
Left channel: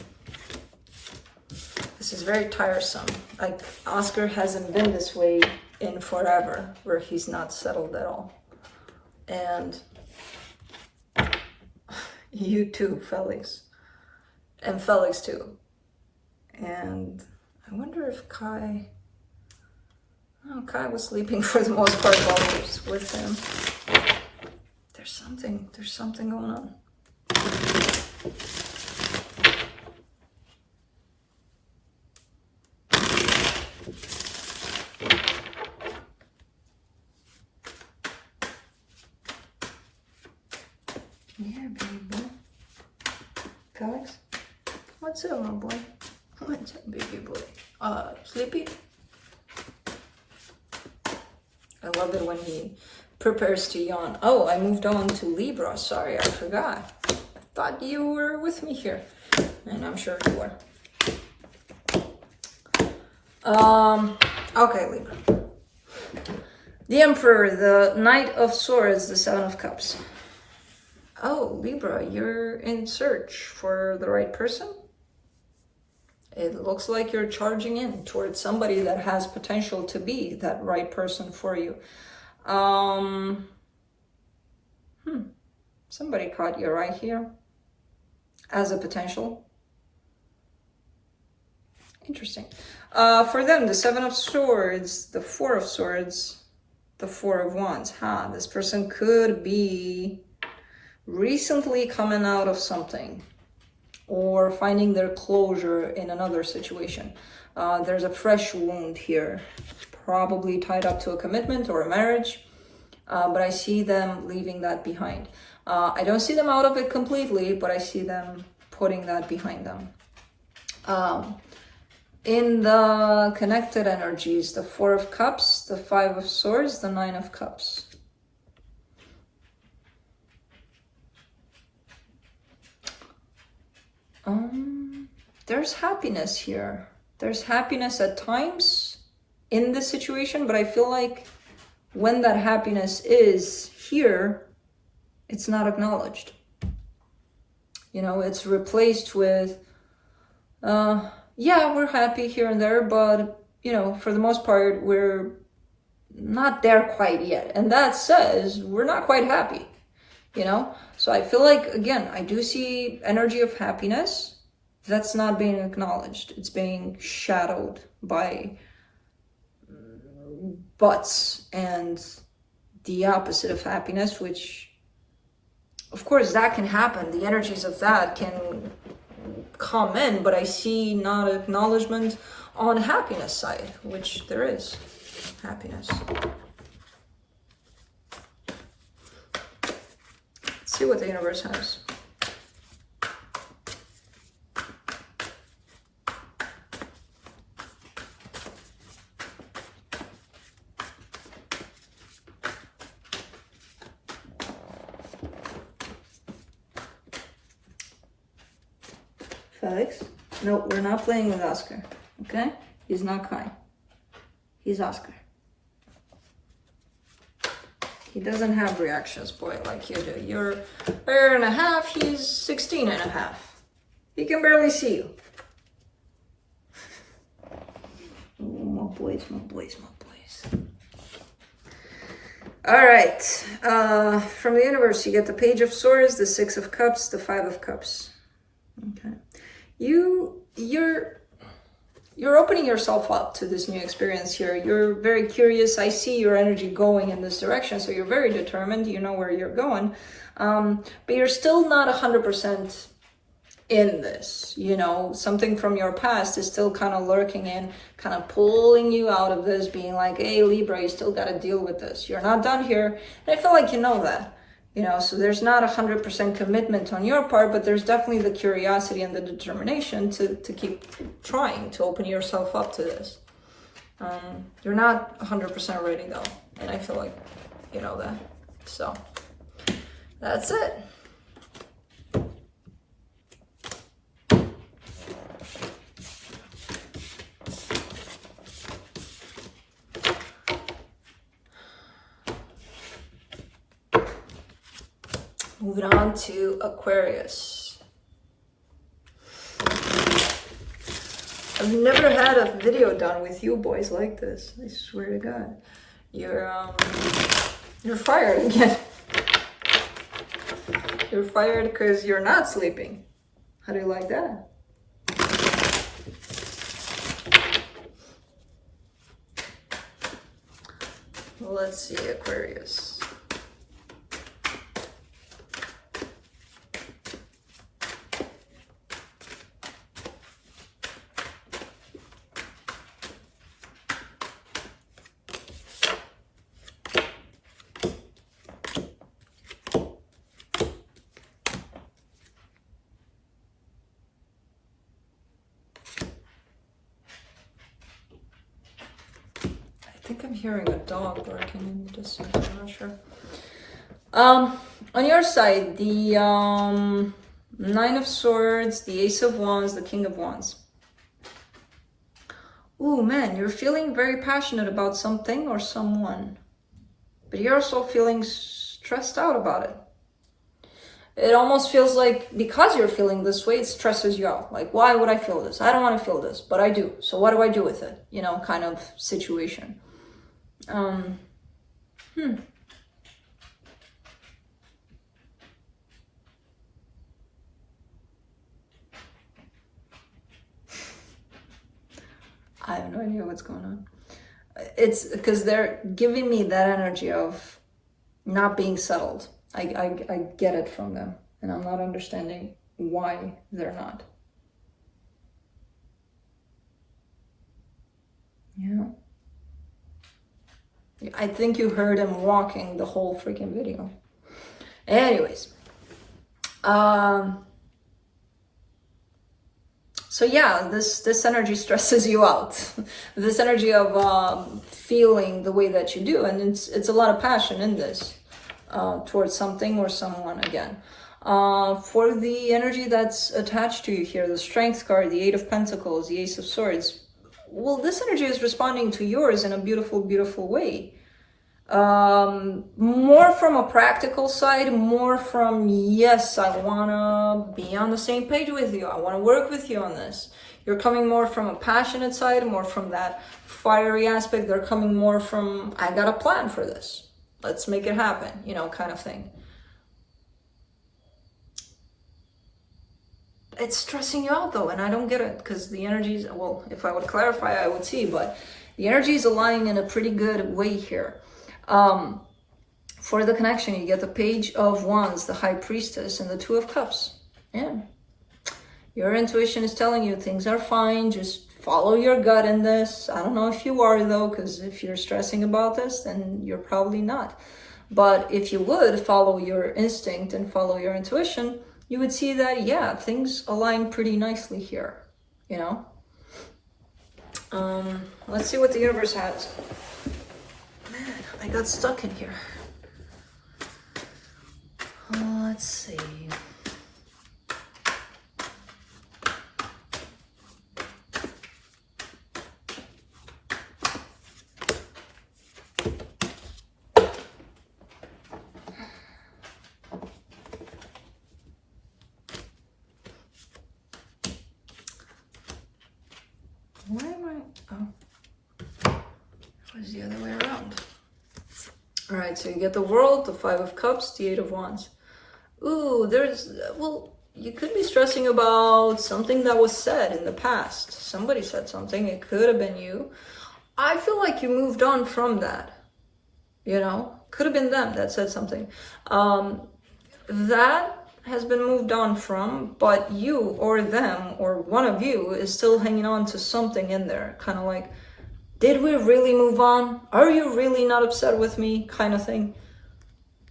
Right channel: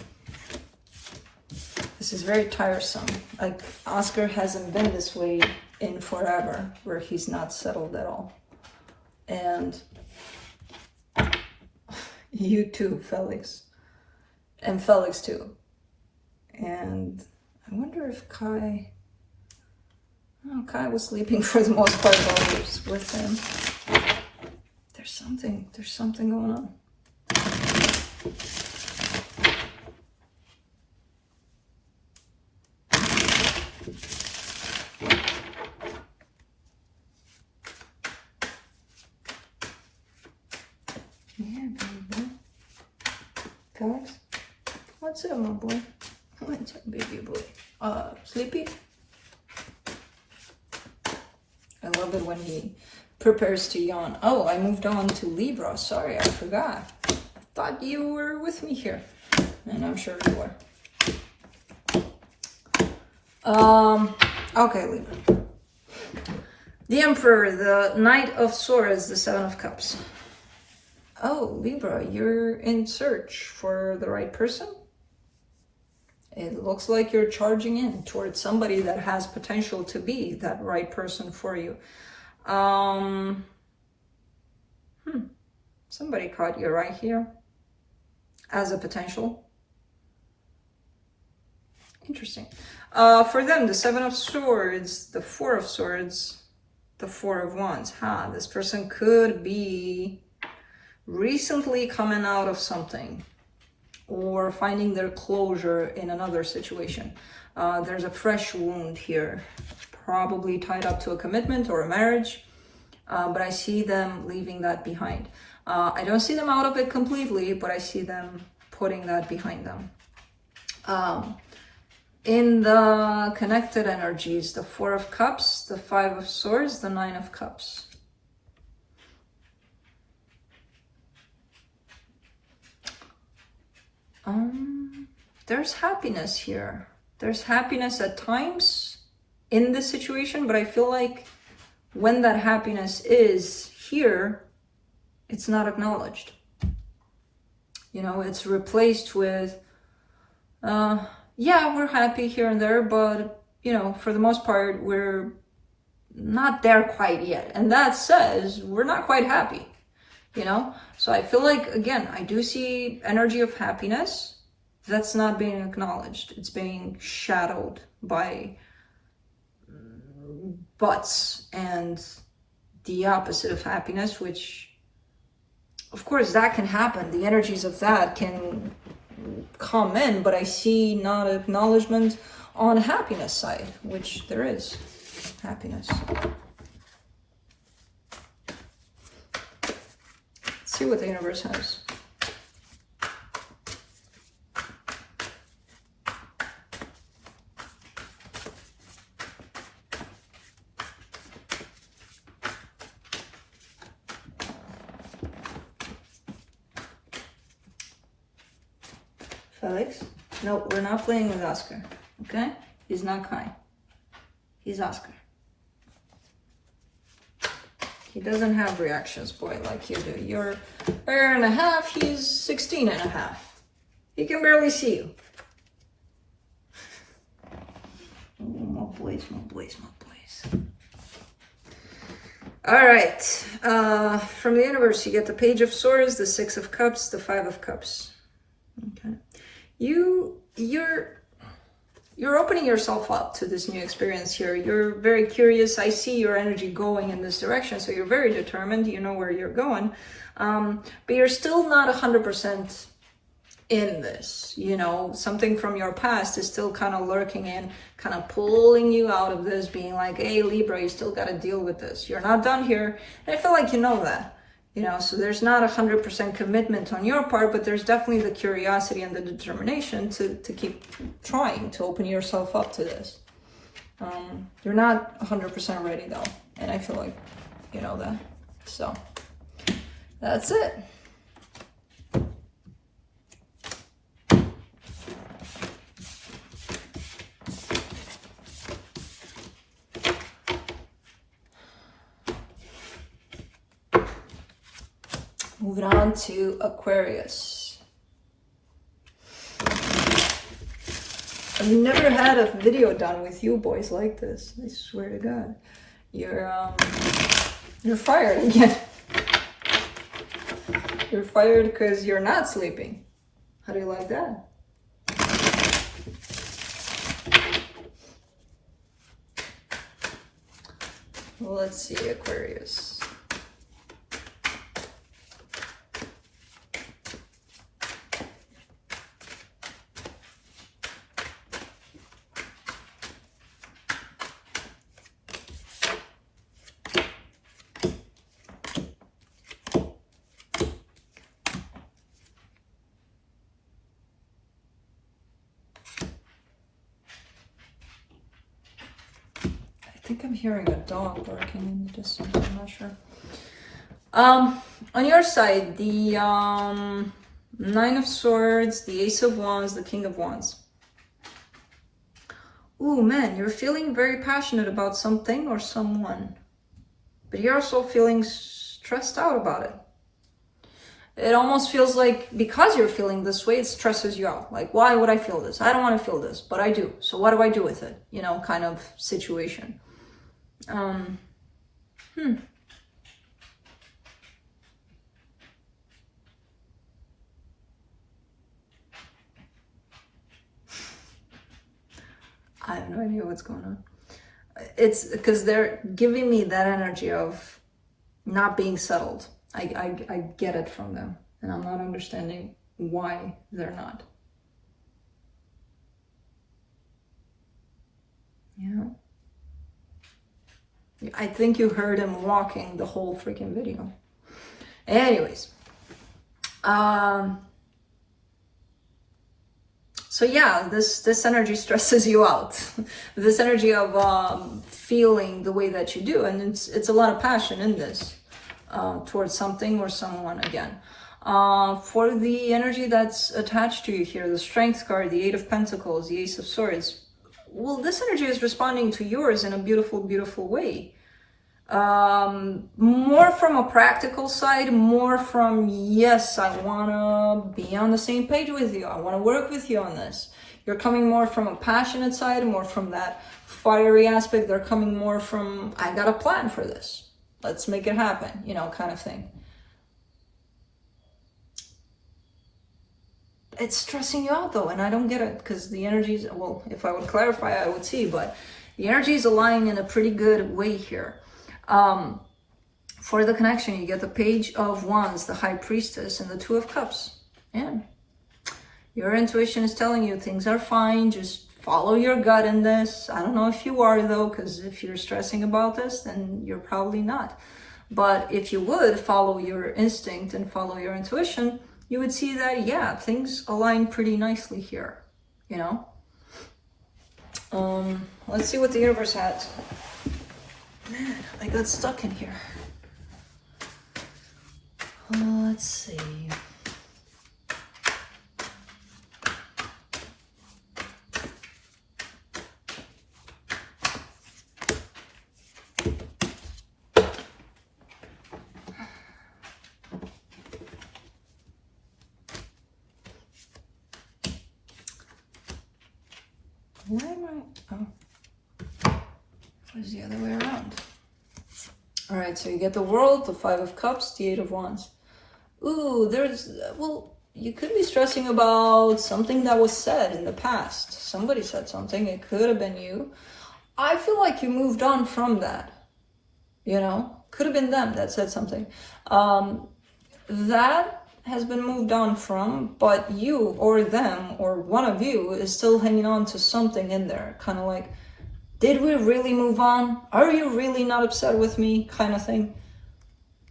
This is very tiresome. Like, Oscar hasn't been this way in forever, where he's not settled at all. And you too, Felix. And Felix too. And I wonder if Kai... Oh, Kai was sleeping for the most part while I was with him. There's something going on. Yeah, baby boy. Felix? What's up, my boy? What's up, baby boy? Sleepy? I love it when he prepares to yawn. Oh, I moved on to Libra. Sorry, I forgot. I thought you were with me here. And I'm sure you were. Okay, Libra. The Emperor, the Knight of Swords, the Seven of Cups. Oh, Libra, you're in search for the right person. It looks like you're charging in towards somebody that has potential to be that right person for you. Somebody caught you right here as a potential. Interesting. For them, the Seven of Swords, the Four of Swords, the Four of Wands. This person could be recently coming out of something or finding their closure in another situation. There's a fresh wound here, probably tied up to a commitment or a marriage, but I see them leaving that behind. I don't see them out of it completely, but I see them putting that behind them. In the connected energies, the Four of Cups, the Five of Swords, the Nine of Cups. There's happiness here. There's happiness at times in this situation, but I feel like when that happiness is here, it's not acknowledged. You know, it's replaced with, yeah, we're happy here and there, but, you know, for the most part, we're not there quite yet. And that says we're not quite happy, you know? So I feel like, again, I do see energy of happiness that's not being acknowledged. It's being shadowed by buts and the opposite of happiness, which, of course, that can happen. The energies of that can come in, but I see not acknowledgement on happiness side, which there is happiness. Let's see what the universe has. Felix? No, we're not playing with Oscar, okay? He's not Kai. He's Oscar. He doesn't have reactions, boy, like you do. You're a year and a half, he's 16 and a half. He can barely see you. More boys, more boys, more boys. All right, from the universe, you get the Page of Swords, the Six of Cups, the Five of Cups. Okay. You're opening yourself up to this new experience here. You're very curious. I see your energy going in this direction, so you're very determined. You know where you're going, but you're still not 100% in this. You know, something from your past is still kind of lurking in, kind of pulling you out of this, being like, hey, Libra, you still got to deal with this. You're not done here. And I feel like you know that. You know, so there's not 100% commitment on your part, but there's definitely the curiosity and the determination to keep trying to open yourself up to this. You're not 100% ready though, and I feel like you know that. So that's it. Moving on to Aquarius. I've never had a video done with you boys like this. I swear to God. You're fired again. You're fired because you're not sleeping. How do you like that? Well, let's see, Aquarius. I think I'm hearing a dog barking in the distance, I'm not sure. On your side, the Nine of Swords, the Ace of Wands, the King of Wands. Ooh, man, you're feeling very passionate about something or someone. but you're also feeling stressed out about it. It almost feels like because you're feeling this way, it stresses you out. Like, why would I feel this? I don't want to feel this, but I do. So what do I do with it? You know, kind of situation. I have no idea what's going on. It's because they're giving me that energy of not being settled. I get it from them, and I'm not understanding why they're not. You know? I think you heard him walking the whole freaking video. Anyways. So yeah, this energy stresses you out. This energy of feeling the way that you do, and it's a lot of passion in this. Towards something or someone again. For the energy that's attached to you here, the Strength card, the Eight of Pentacles, the Ace of Swords, well, this energy is responding to yours in a beautiful, beautiful way. More from a practical side, more from, yes, I want to be on the same page with you. I want to work with you on this. You're coming more from a passionate side, more from that fiery aspect. They're coming more from, I got a plan for this. Let's make it happen, you know, kind of thing. It's stressing you out though, and I don't get it, because the energies, well, if I would clarify, I would see, but the energy is aligning in a pretty good way here. For the connection, you get the Page of Wands, the High Priestess, and the Two of Cups. And your intuition is telling you things are fine, just follow your gut in this. I don't know if you are though, because if you're stressing about this, then you're probably not. But if you would follow your instinct and follow your intuition, you would see that, yeah, things align pretty nicely here, you know? Let's see what the universe has. Man, I got stuck in here. Let's see. Why am I? Oh, it was the other way around. All right, so you get the World, the Five of Cups, the Eight of Wands. Ooh, well, you could be stressing about something that was said in the past. Somebody said something, it could have been you. I feel like you moved on from that, you know? Could have been them that said something. That has been moved on from, but you or them or one of you is still hanging on to something in there, kind of like, did we really move on? Are you really not upset with me, kind of thing?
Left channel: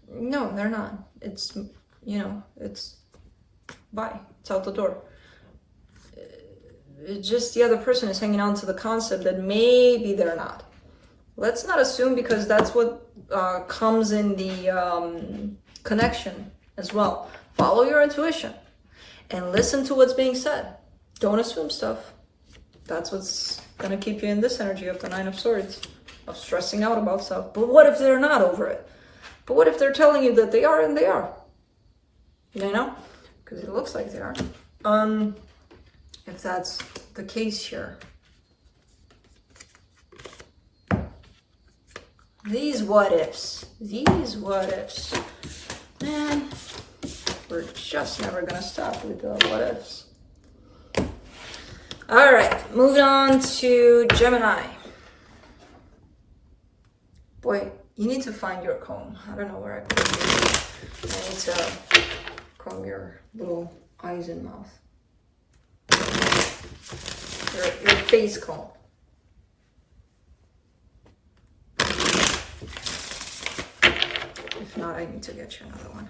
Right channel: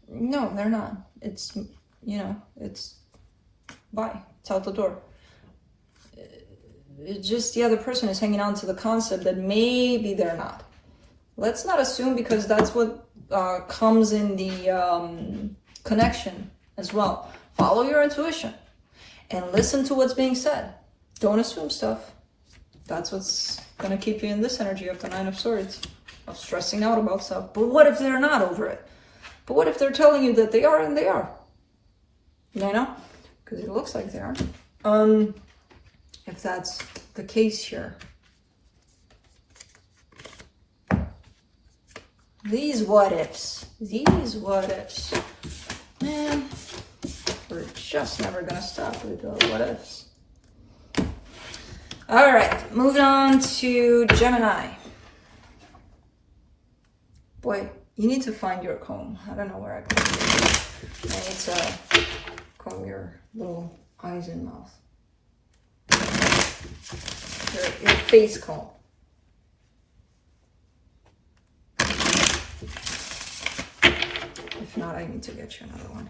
No, they're not. It's, you know, it's bye, it's out the door. It's just the other person is hanging on to the concept that maybe they're not. Let's not assume, because that's what comes in the connection as well. Follow your intuition and listen to what's being said. Don't assume stuff. That's what's gonna keep you in this energy of the Nine of Swords, of stressing out about stuff. But what if they're not over it? But what if they're telling you that they are and they are? You know? Because it looks like they are. If that's the case here. These what ifs. These what ifs. Man, we're just never gonna stop with the what ifs. All right, moving on to Gemini. Boy, you need to find your comb. I don't know where I put it. I need to comb your little eyes and mouth. Your face comb. If not, I need to get you another one.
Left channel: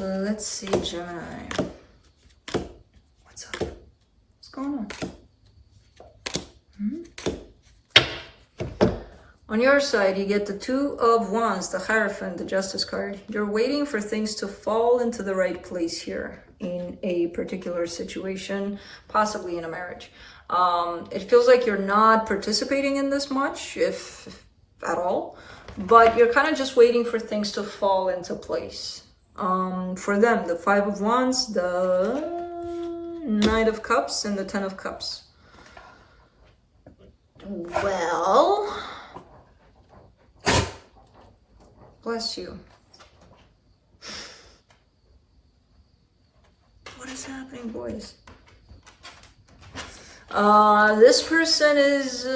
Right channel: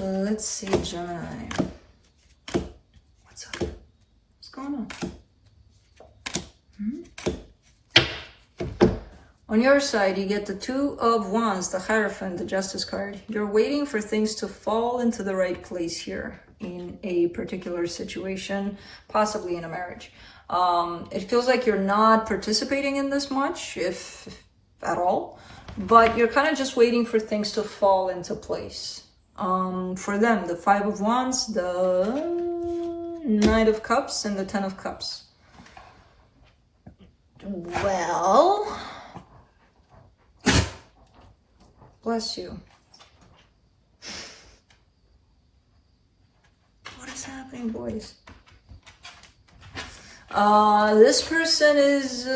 Let's see, Gemini. What's up? What's going on? On your side, you get the Two of Wands, the Hierophant, the Justice card. You're waiting for things to fall into the right place here. in a particular situation, possibly in a marriage. It feels like you're not participating in this much, if at all, but you're kind of just waiting for things to fall into place. For them, the Five of Wands, the Knight of Cups, and the Ten of Cups. Well, bless you. What is happening, boys? This person is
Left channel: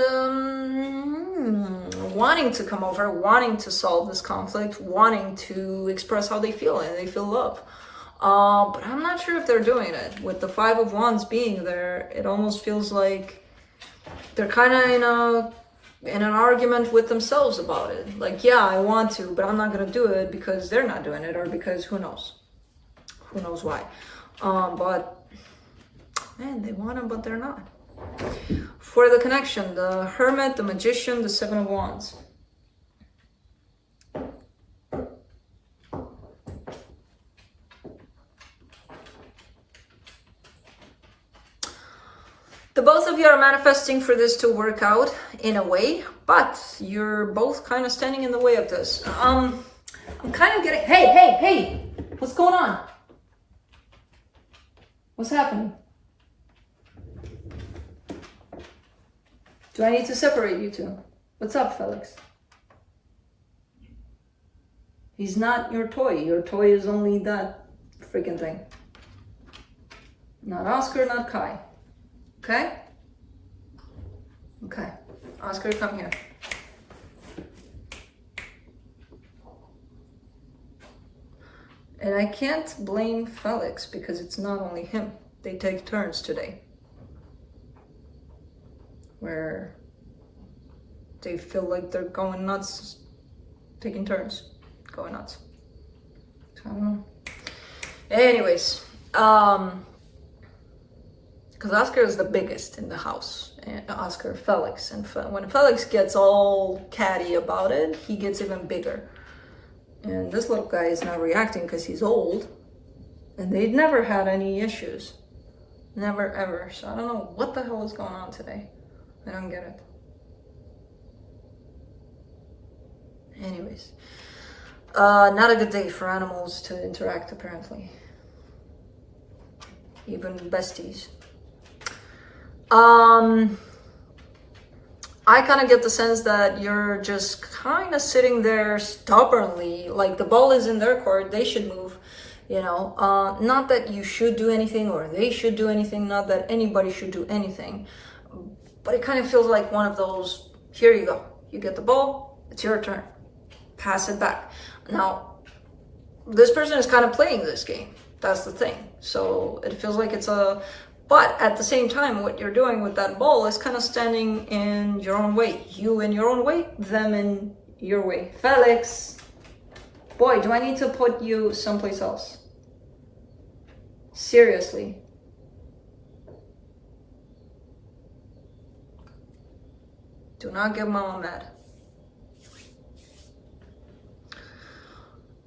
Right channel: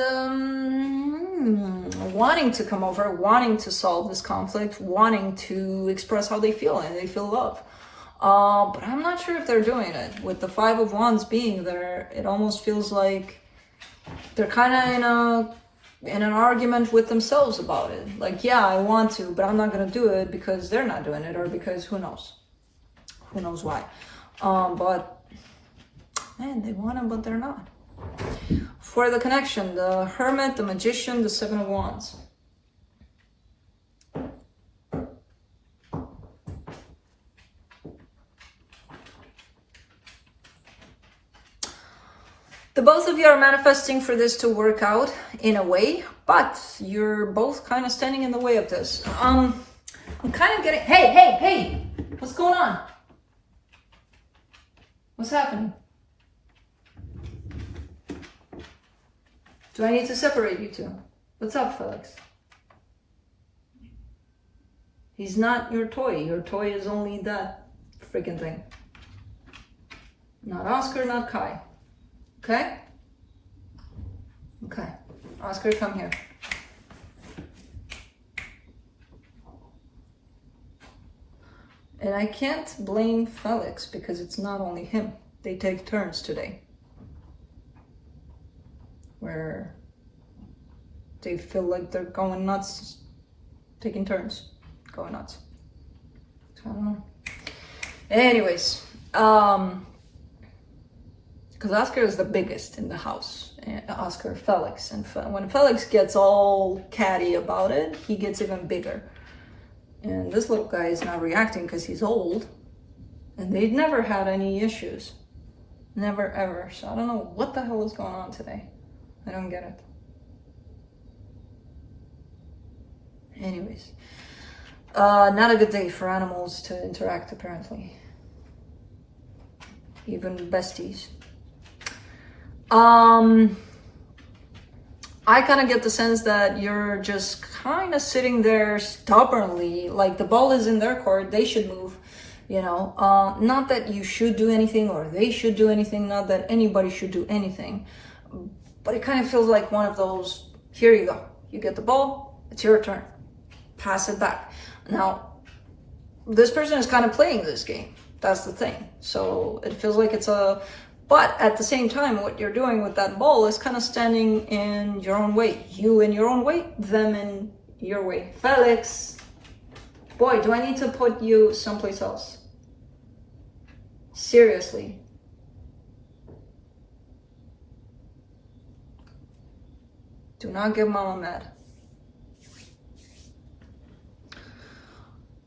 wanting to come over, wanting to solve this conflict, wanting to express how they feel, and they feel love. But I'm not sure if they're doing it. With the Five of Wands being there, it almost feels like they're kind of in an argument with themselves about it. Like, yeah, I want to, but I'm not going to do it because they're not doing it, or because who knows why. But man, they want it, but they're not. For the connection, the Hermit, the Magician, the Seven of Wands. The both of you are manifesting for this to work out in a way, but you're both kind of standing in the way of this. I'm kind of getting, hey, what's going on? What's happening? Do I need to separate you two? What's up, Felix? He's not your toy. Your toy is only that freaking thing. Not Oscar, not Kai. Okay? Okay. Oscar, come here. And I can't blame Felix because it's not only him. They take turns today, where they feel like they're going nuts, taking turns, going nuts. So, I don't know. Anyways, because Oscar is the biggest in the house, Oscar, Felix, and when Felix gets all catty about it, he gets even bigger. And this little guy is not reacting because he's old, and they've never had any issues, never ever. So I don't know what the hell is going on today. I don't get it. Anyways, not a good day for animals to interact, apparently. Even besties. I kind of get the sense that you're just kind of sitting there stubbornly, like the ball is in their court, they should move, you know. Not that you should do anything or they should do anything, not that anybody should do anything, but it kind of feels like one of those, here you go, you get the ball, it's your turn, pass it back. Now, this person is kind of playing this game, that's the thing. So it feels like it's but at the same time, what you're doing with that ball is kind of standing in your own way. You in your own way, them in your way. Felix, boy, do I need to put you someplace else? Seriously. Do not get mama mad.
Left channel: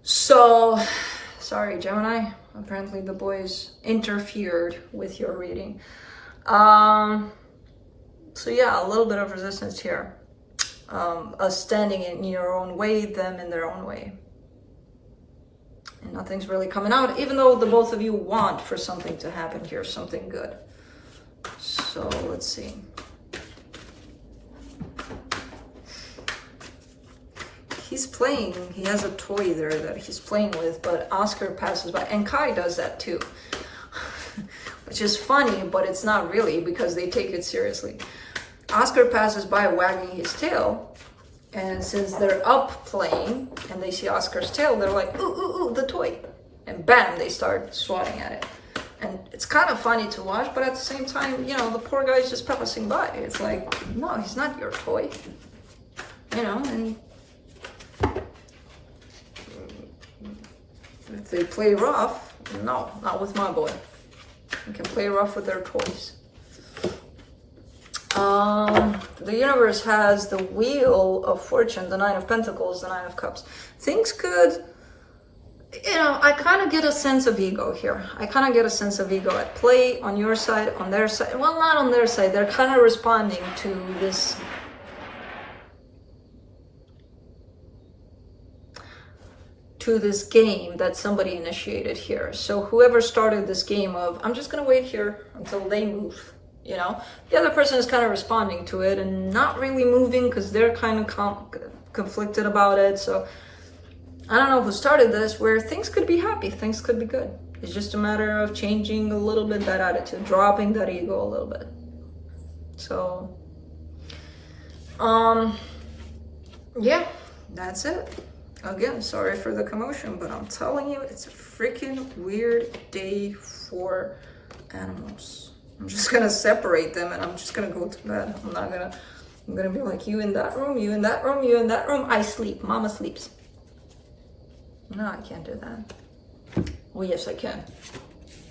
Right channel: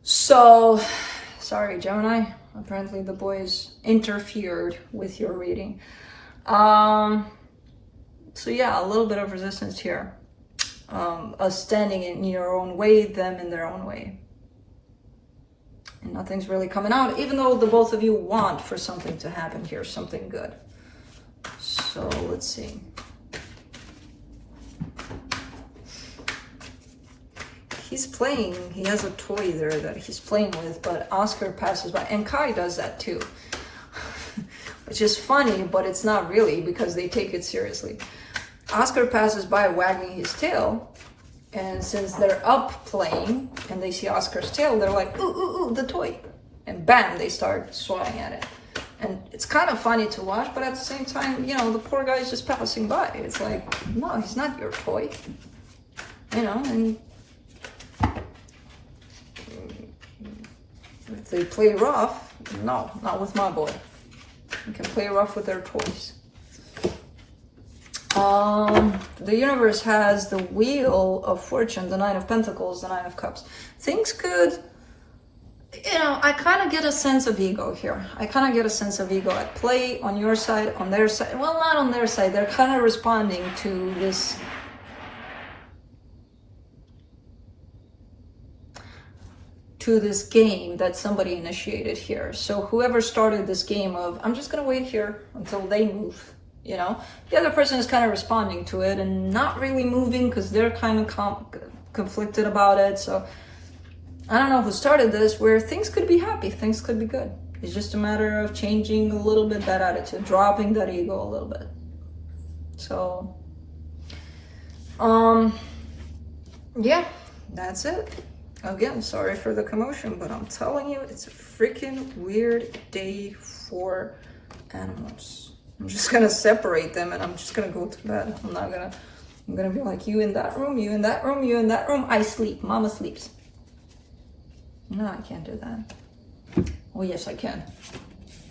So, sorry, Gemini. Apparently the boys interfered with your reading. So yeah, a little bit of resistance here. Us standing in your own way, them in their own way. And nothing's really coming out, even though the both of you want for something to happen here, something good. So let's see. He's playing, he has a toy there that he's playing with, but Oscar passes by, and Kai does that too. Which is funny, but it's not really because they take it seriously. Oscar passes by wagging his tail, and since they're up playing and they see Oscar's tail, they're like, ooh, ooh, ooh, the toy. And bam, they start swatting at it. And it's kind of funny to watch, but at the same time, you know, the poor guy's just passing by. It's like, no, he's not your toy. You know, and if they play rough, no, not with my boy. You can play rough with their toys. The universe has the Wheel of Fortune, the Nine of Pentacles, the Nine of Cups. Things could, you know, I kind of get a sense of ego here. I kind of get a sense of ego at play on your side, on their side. Well, not on their side. They're kind of responding to this game that somebody initiated here. So whoever started this game of, I'm just gonna wait here until they move, you know, the other person is kind of responding to it and not really moving because they're kind of conflicted about it. So I don't know who started this, where things could be happy, things could be good. It's just a matter of changing a little bit that attitude, dropping that ego a little bit. So, yeah, that's it. Again, sorry for the commotion, but I'm telling you, it's a freaking weird day for animals. I'm just gonna separate them and I'm just gonna go to bed. I'm gonna be like, you in that room, you in that room, you in that room. I sleep, mama sleeps. No, I can't do that. Well, yes, I can.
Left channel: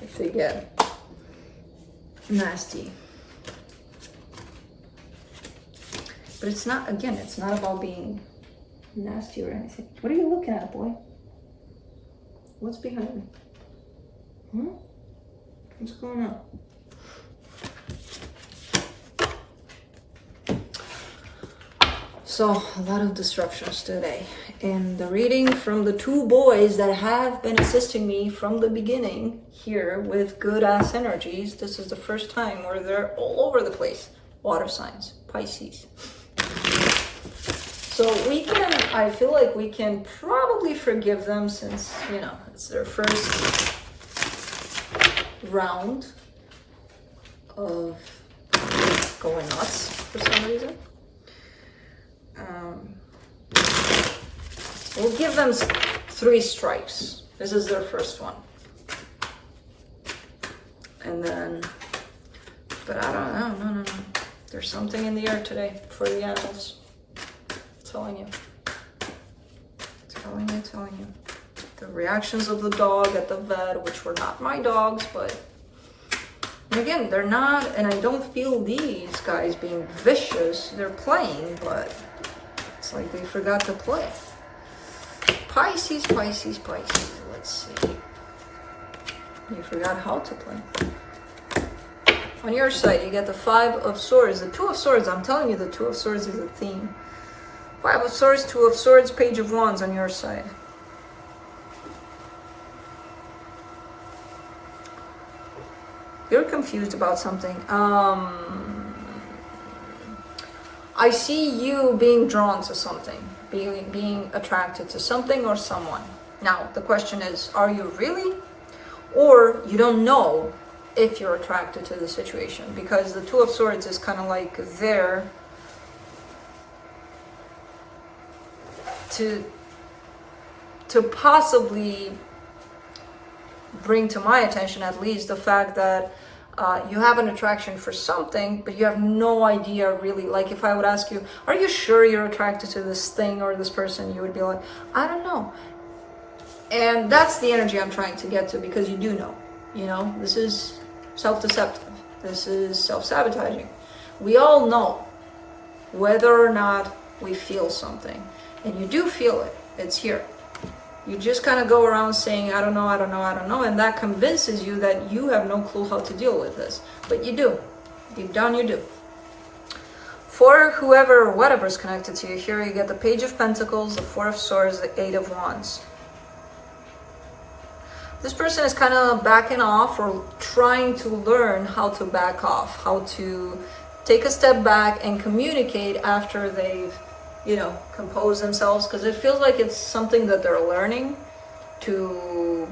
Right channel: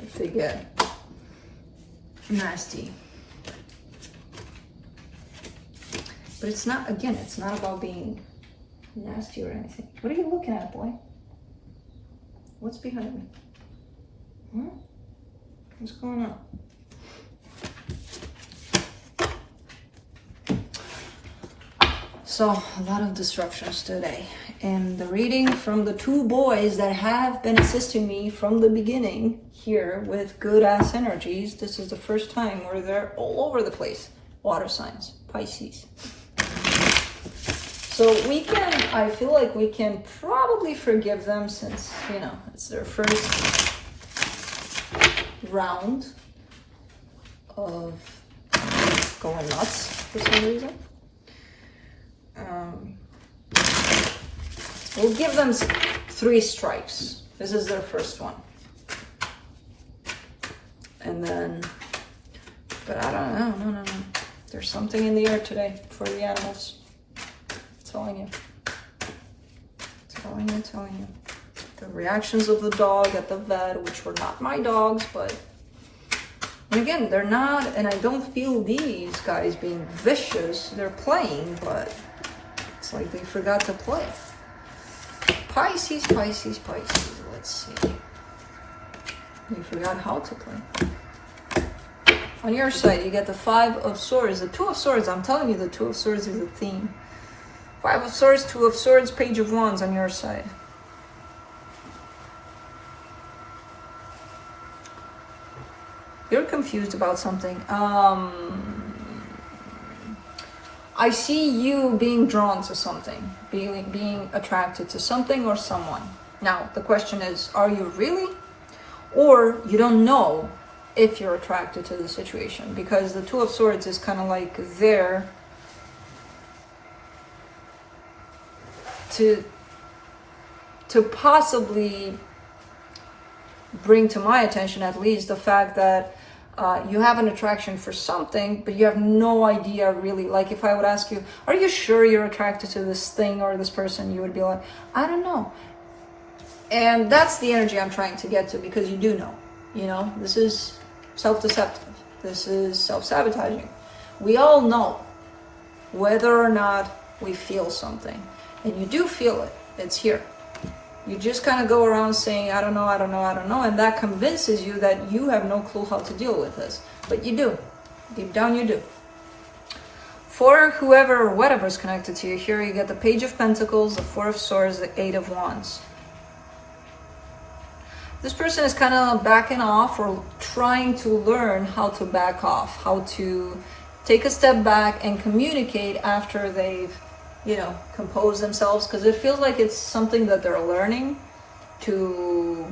If they get nasty. But it's not, again, it's not about being nasty or anything. What are you looking at, boy? What's behind me? What's going on? So, a lot of disruptions today. And the reading from the two boys that have been assisting me from the beginning here with good ass energies, this is the first time where they're all over the place. Water signs, Pisces. So we can, I feel like we can probably forgive them since, you know, it's their first round of going nuts for some reason. We'll give them 3 strikes. This is their first one. And then, but I don't know, no. There's something in the air today for the animals. Telling you. The reactions of the dog at the vet, which were not my dogs, but and again, they're not, and I don't feel these guys being vicious. They're playing, but it's like they forgot to play. Pisces. Let's see. You forgot how to play. On your side, you get the 5 of Swords. The 2 of Swords, I'm telling you, the 2 of Swords is a theme. 5 of Swords, 2 of Swords, Page of Wands on your side. You're confused about something. I see you being drawn to something, being attracted to something or someone. Now, the question is, are you really? Or you don't know if you're attracted to the situation, because the 2 of Swords is kind of like there to possibly bring to my attention at least the fact that you have an attraction for something, but you have no idea really. Like if I would ask you, are you sure you're attracted to this thing or this person? You would be like, I don't know. And that's the energy I'm trying to get to, because you do know, you know, this is self-deceptive. This is self-sabotaging. We all know whether or not we feel something, and you do feel it. It's here. You just kind of go around saying, I don't know, and that convinces you that you have no clue how to deal with this. But you do. Deep down, you do. For whoever or whatever is connected to you, here you get the Page of Pentacles, the 4 of Swords, the 8 of Wands. This person is kind of backing off, or trying to learn how to back off, how to take a step back and communicate after they've, you know, compose themselves, because it feels like it's something that they're learning, to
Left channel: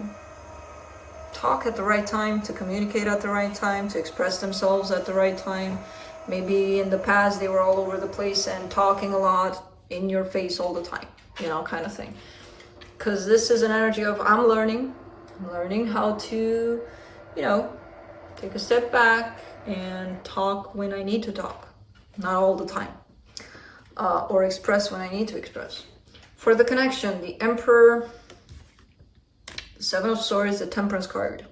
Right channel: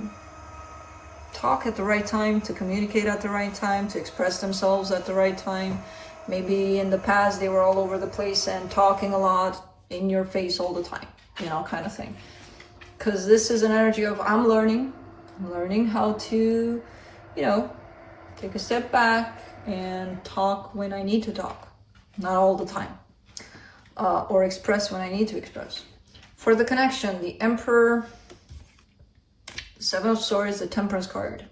talk at the right time, to communicate at the right time, to express themselves at the right time. Maybe in the past they were all over the place and talking a lot in your face all the time, you know, kind of thing. Because this is an energy of I'm learning how to, you know, take a step back and talk when I need to talk, not all the time. Or express when I need to express. For the connection, the Emperor, the 7 of Swords, the Temperance card.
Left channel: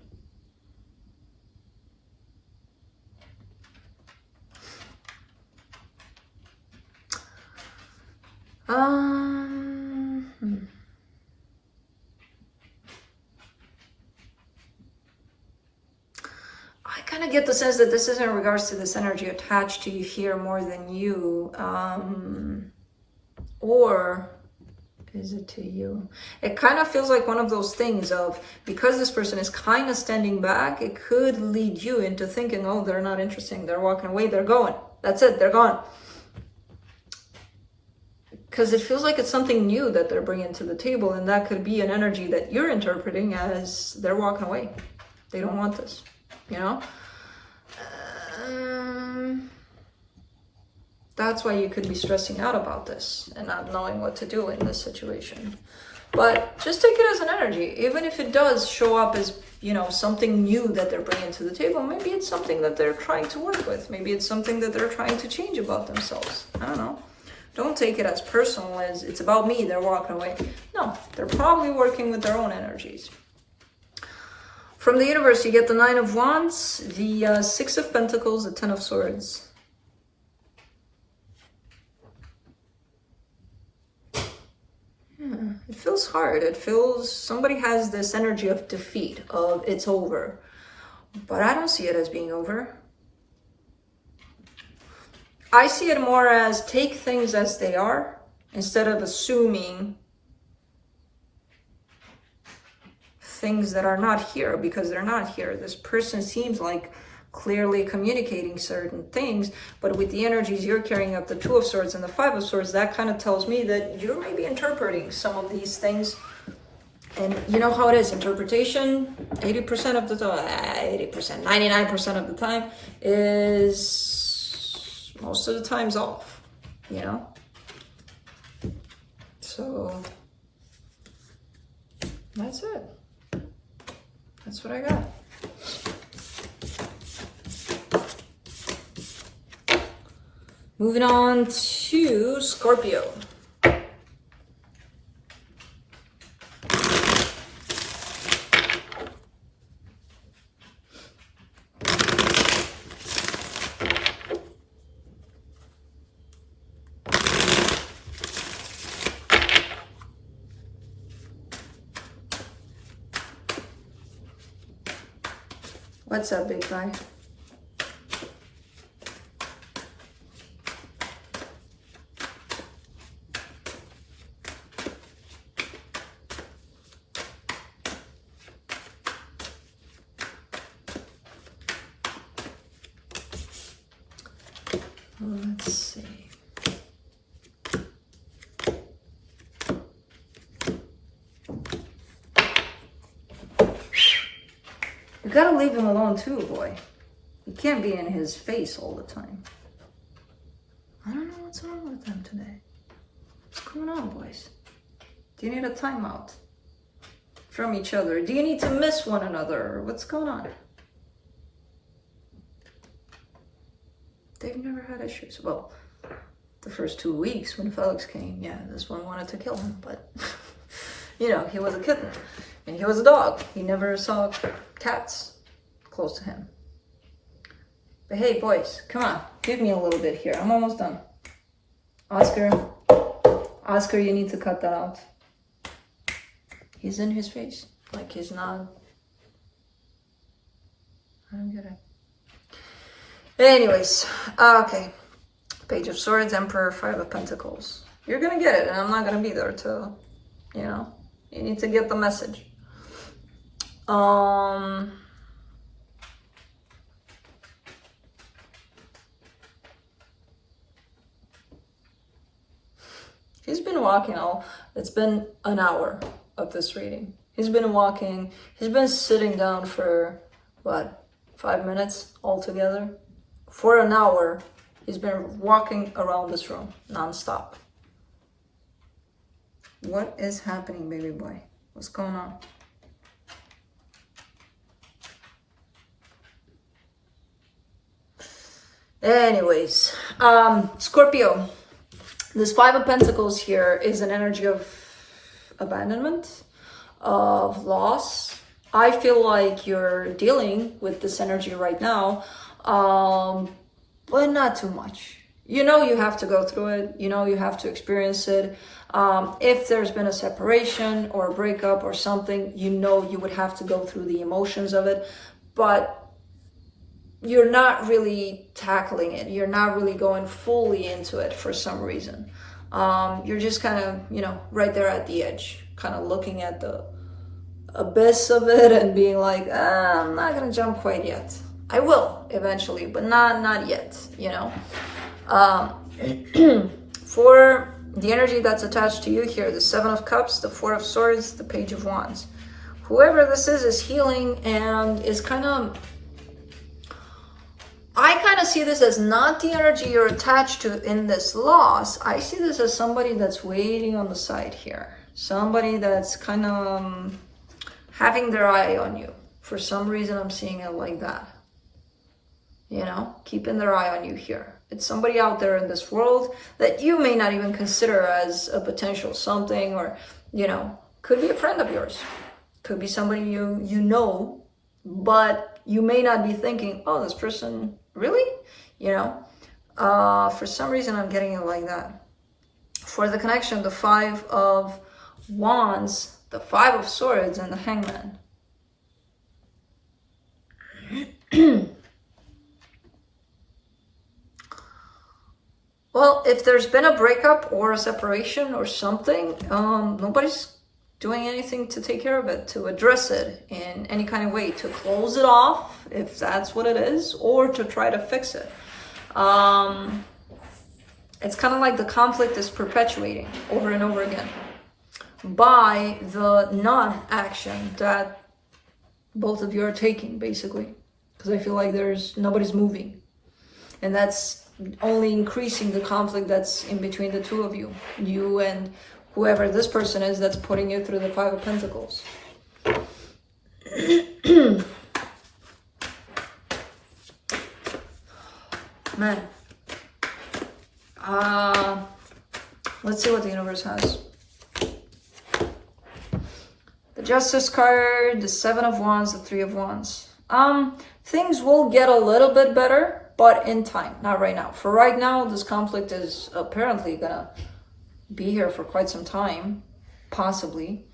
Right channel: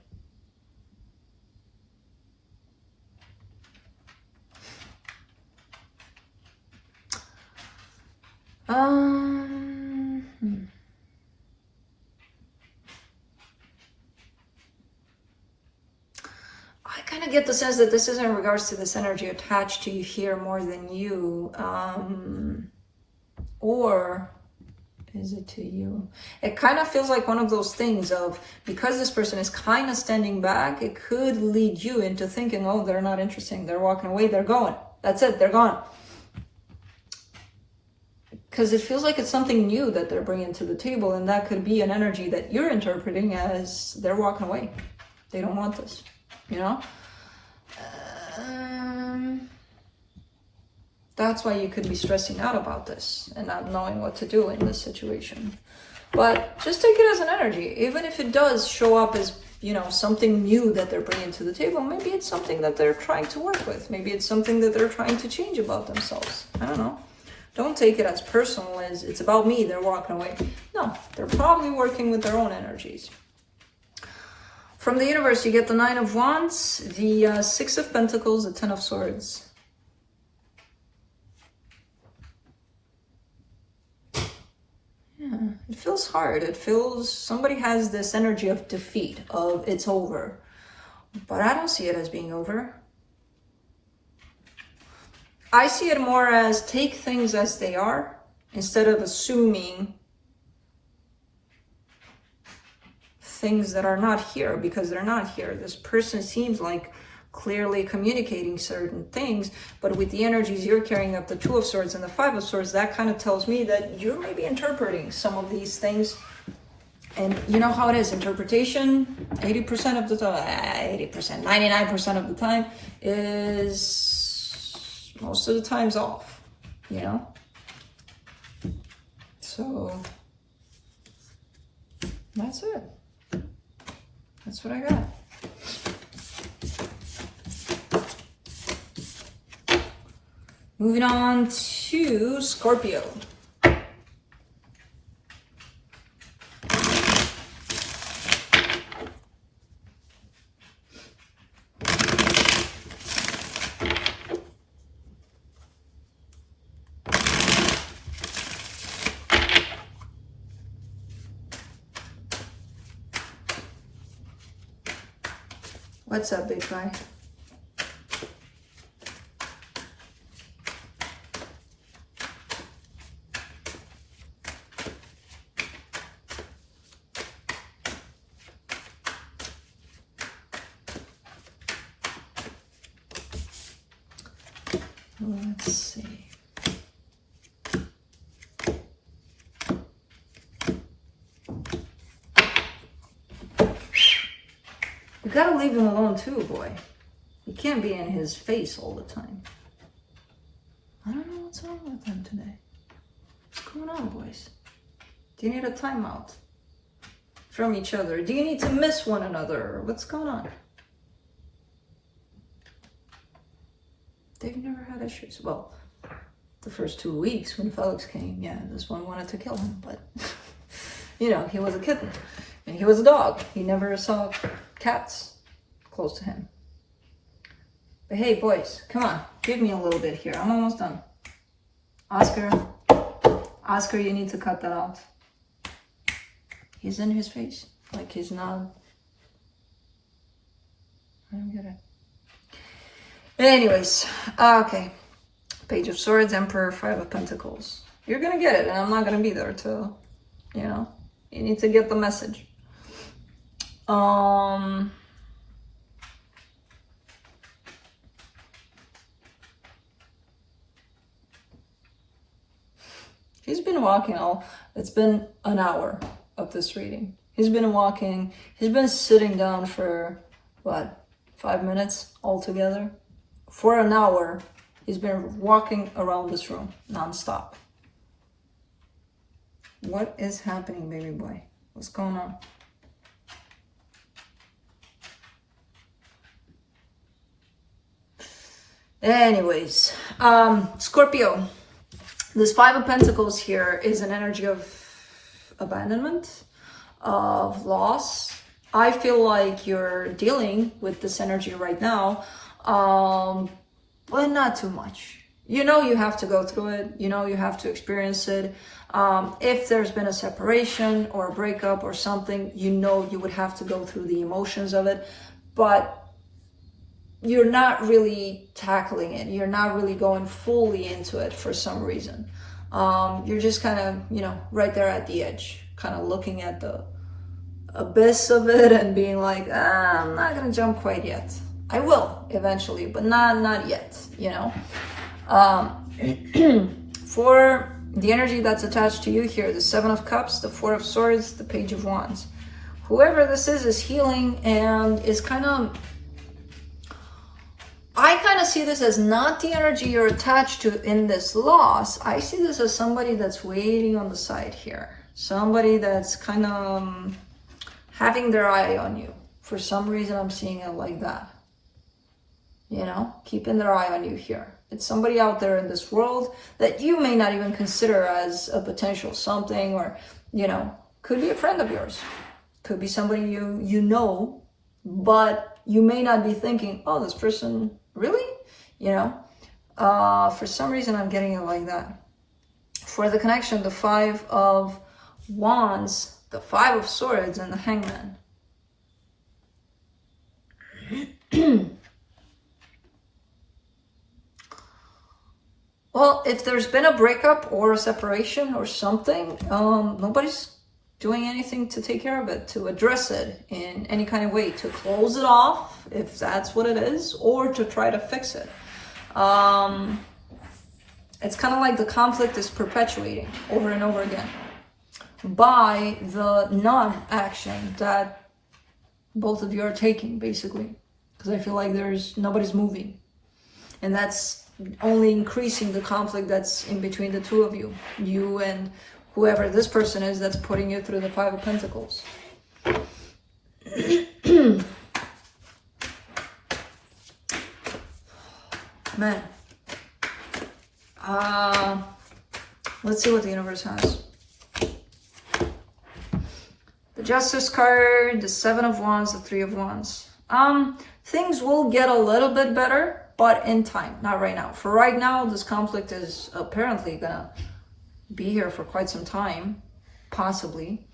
get the sense that this is in regards to this energy attached to you here more than you. Or is it to you? It kind of feels like one of those things of, because this person is kind of standing back, it could lead you into thinking, oh, they're not interesting, they're walking away, they're going. That's it, they're gone. Because it feels like it's something new that they're bringing to the table, and that could be an energy that you're interpreting as they're walking away. They don't want this, you know? That's why you could be stressing out about this and not knowing what to do in this situation. But just take it as an energy. Even if it does show up as, you know, something new that they're bringing to the table, maybe it's something that they're trying to work with. Maybe it's something that they're trying to change about themselves. I don't know. Don't take it as personal as it's about me, they're walking away. No, they're probably working with their own energies. From the universe, you get the 9 of Wands, the 6 of Pentacles, the 10 of Swords. Yeah, it feels hard. It feels, somebody has this energy of defeat, of it's over. But I don't see it as being over. I see it more as take things as they are instead of assuming things that are not here because they're not here. This person seems like clearly communicating certain things, but with the energies you're carrying up, the 2 of Swords and the 5 of Swords, that kind of tells me that you may be interpreting some of these things. And you know how it is, interpretation, 80% of the time, 80%, 99% of the time is most of the time's off, you know? So that's it. That's what I got. Moving on to Scorpio. What's up, big guy? Let's see. You gotta leave him alone too, boy. You can't be in his face all the time. I don't know what's wrong with him today. What's going on, boys? Do you need a timeout from each other? Do you need to miss one another? What's going on? They've never had issues. Well, the first 2 weeks when Felix came, yeah, this one wanted to kill him, but you know, he was a kitten and he was a dog. He never saw cats close to him. But hey, boys, come on, give me a little bit here. I'm almost done. Oscar, you need to cut that out. He's in his face, like he's not. I don't get it. Anyways, okay. Page of Swords, Emperor, 5 of Pentacles. You're gonna get it, and I'm not gonna be there till, you know, you need to get the message. He's been walking it's been an hour of this reading. He's been walking, he's been sitting down for, what, 5 minutes altogether? For an hour, he's been walking around this room non-stop. What is happening, baby boy? What's going on? Anyways, Scorpio. This 5 of Pentacles here is an energy of abandonment, of loss. I feel like you're dealing with this energy right now, but not too much. You know you have to go through it. You know you have to experience it. If there's been a separation or a breakup or something, you know you would have to go through the emotions of it. But you're not really tackling it. You're not really going fully into it for some reason. You're just kind of, you know, right there at the edge, kind of looking at the abyss of it and being like, I'm not gonna jump quite yet. I will eventually, but not yet, you know. For the energy that's attached to you here, the Seven of Cups, the Four of Swords, the Page of Wands. Whoever this is healing and is kind of, I kind of see this as not the energy you're attached to in this loss. I see this as somebody that's waiting on the side here. Somebody that's kind of having their eye on you. For some reason, I'm seeing it like that. You know, keeping their eye on you here. It's somebody out there in this world that you may not even consider as a potential something, or, you know, could be a friend of yours. Could be somebody you know, but you may not be thinking, oh, this person, really? You know, for some reason, I'm getting it like that. For the connection, the Five of Wands, the Five of Swords, and the Hangman. Well, if there's been a breakup or a separation or something, nobody's doing anything to take care of it, to address it in any kind of way, to close it off, if that's what it is, or to try to fix it. It's kind of like the conflict is perpetuating over and over again by the non-action that both of you are taking, basically. Because I feel like nobody's moving. And that's only increasing the conflict that's in between the two of you. You and whoever this person is that's putting you through the Five of Pentacles. Man. Let's see what the universe has. The Justice card, the Seven of Wands, the Three of Wands. Things will get a little bit better, but in time, not right now. For right now, this conflict is apparently gonna be here for quite some time, possibly.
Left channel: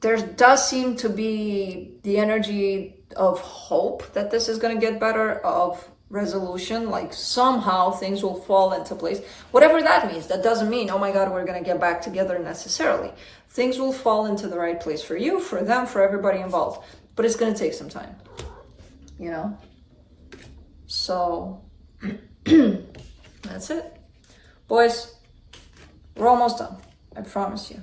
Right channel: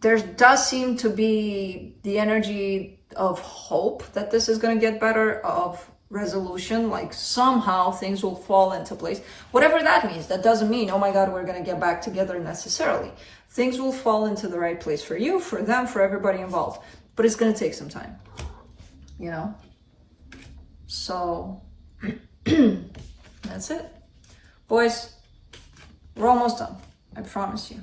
There does seem to be the energy of hope that this is gonna get better, of resolution, like somehow things will fall into place. Whatever that means, that doesn't mean, oh my God, we're gonna get back together necessarily. Things will fall into the right place for you, for them, for everybody involved. But it's gonna take some time, you know? So, that's it. Boys, we're almost done, I promise you.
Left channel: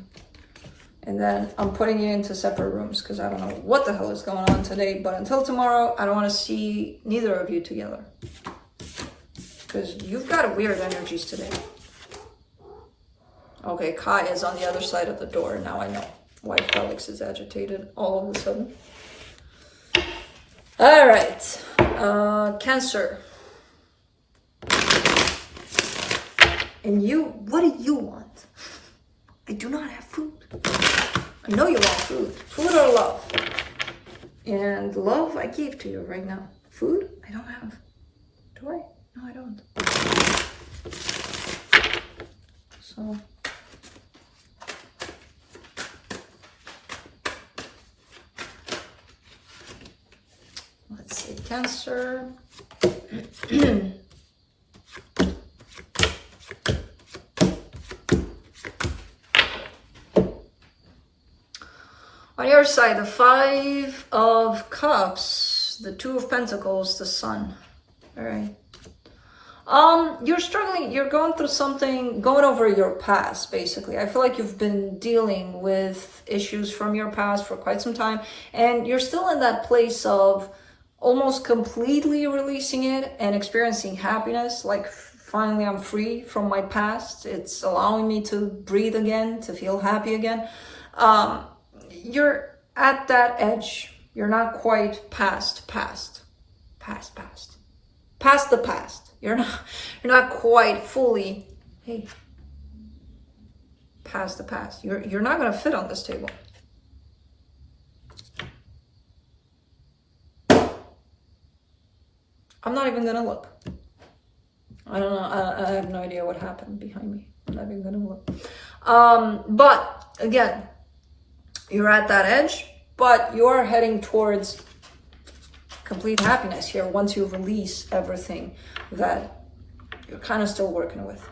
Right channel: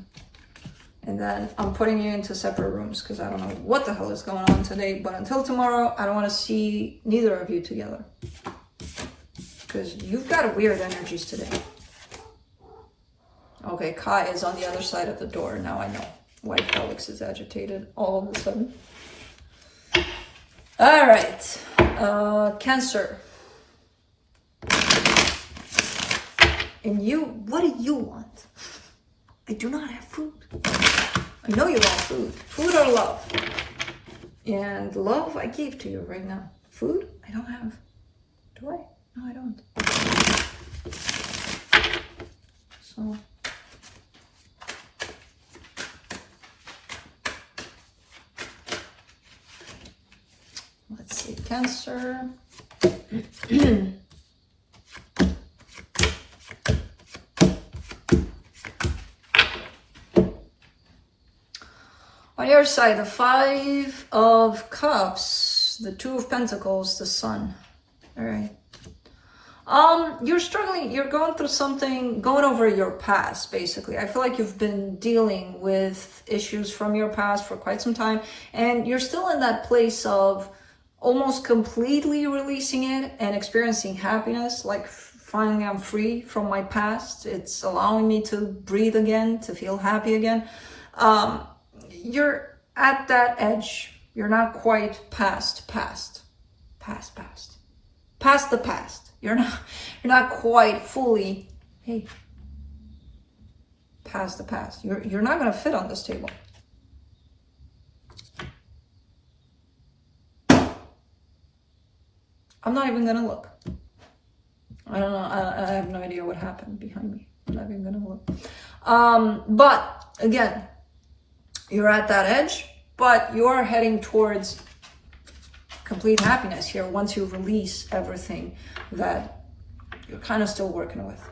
And then I'm putting you into separate rooms because I don't know what the hell is going on today. But until tomorrow, I don't want to see neither of you together. Because you've got weird energies today. Okay, Kai is on the other side of the door. Now I know why Felix is agitated all of a sudden. All right, Cancer. And you, what do you want? I do not have food. I know you want food. Food or love? And love I gave to you right now. Food I don't have. Do I? No, I don't. So. Let's see, Cancer. On your side, the Five of Cups, the Two of Pentacles, the Sun. All right. You're struggling, you're going through something, going over your past, basically. I feel like you've been dealing with issues from your past for quite some time, and you're still in that place of almost completely releasing it and experiencing happiness, like finally I'm free from my past. It's allowing me to breathe again, to feel happy again. You're at that edge. You're not quite past the past. You're not quite fully, hey, past the past. You're not gonna fit on this table. I'm not even gonna look. I don't know. I have no idea what happened behind me. I'm not even gonna look. But again, you're at that edge, but you are heading towards complete happiness here once you release everything that you're kind of still working with.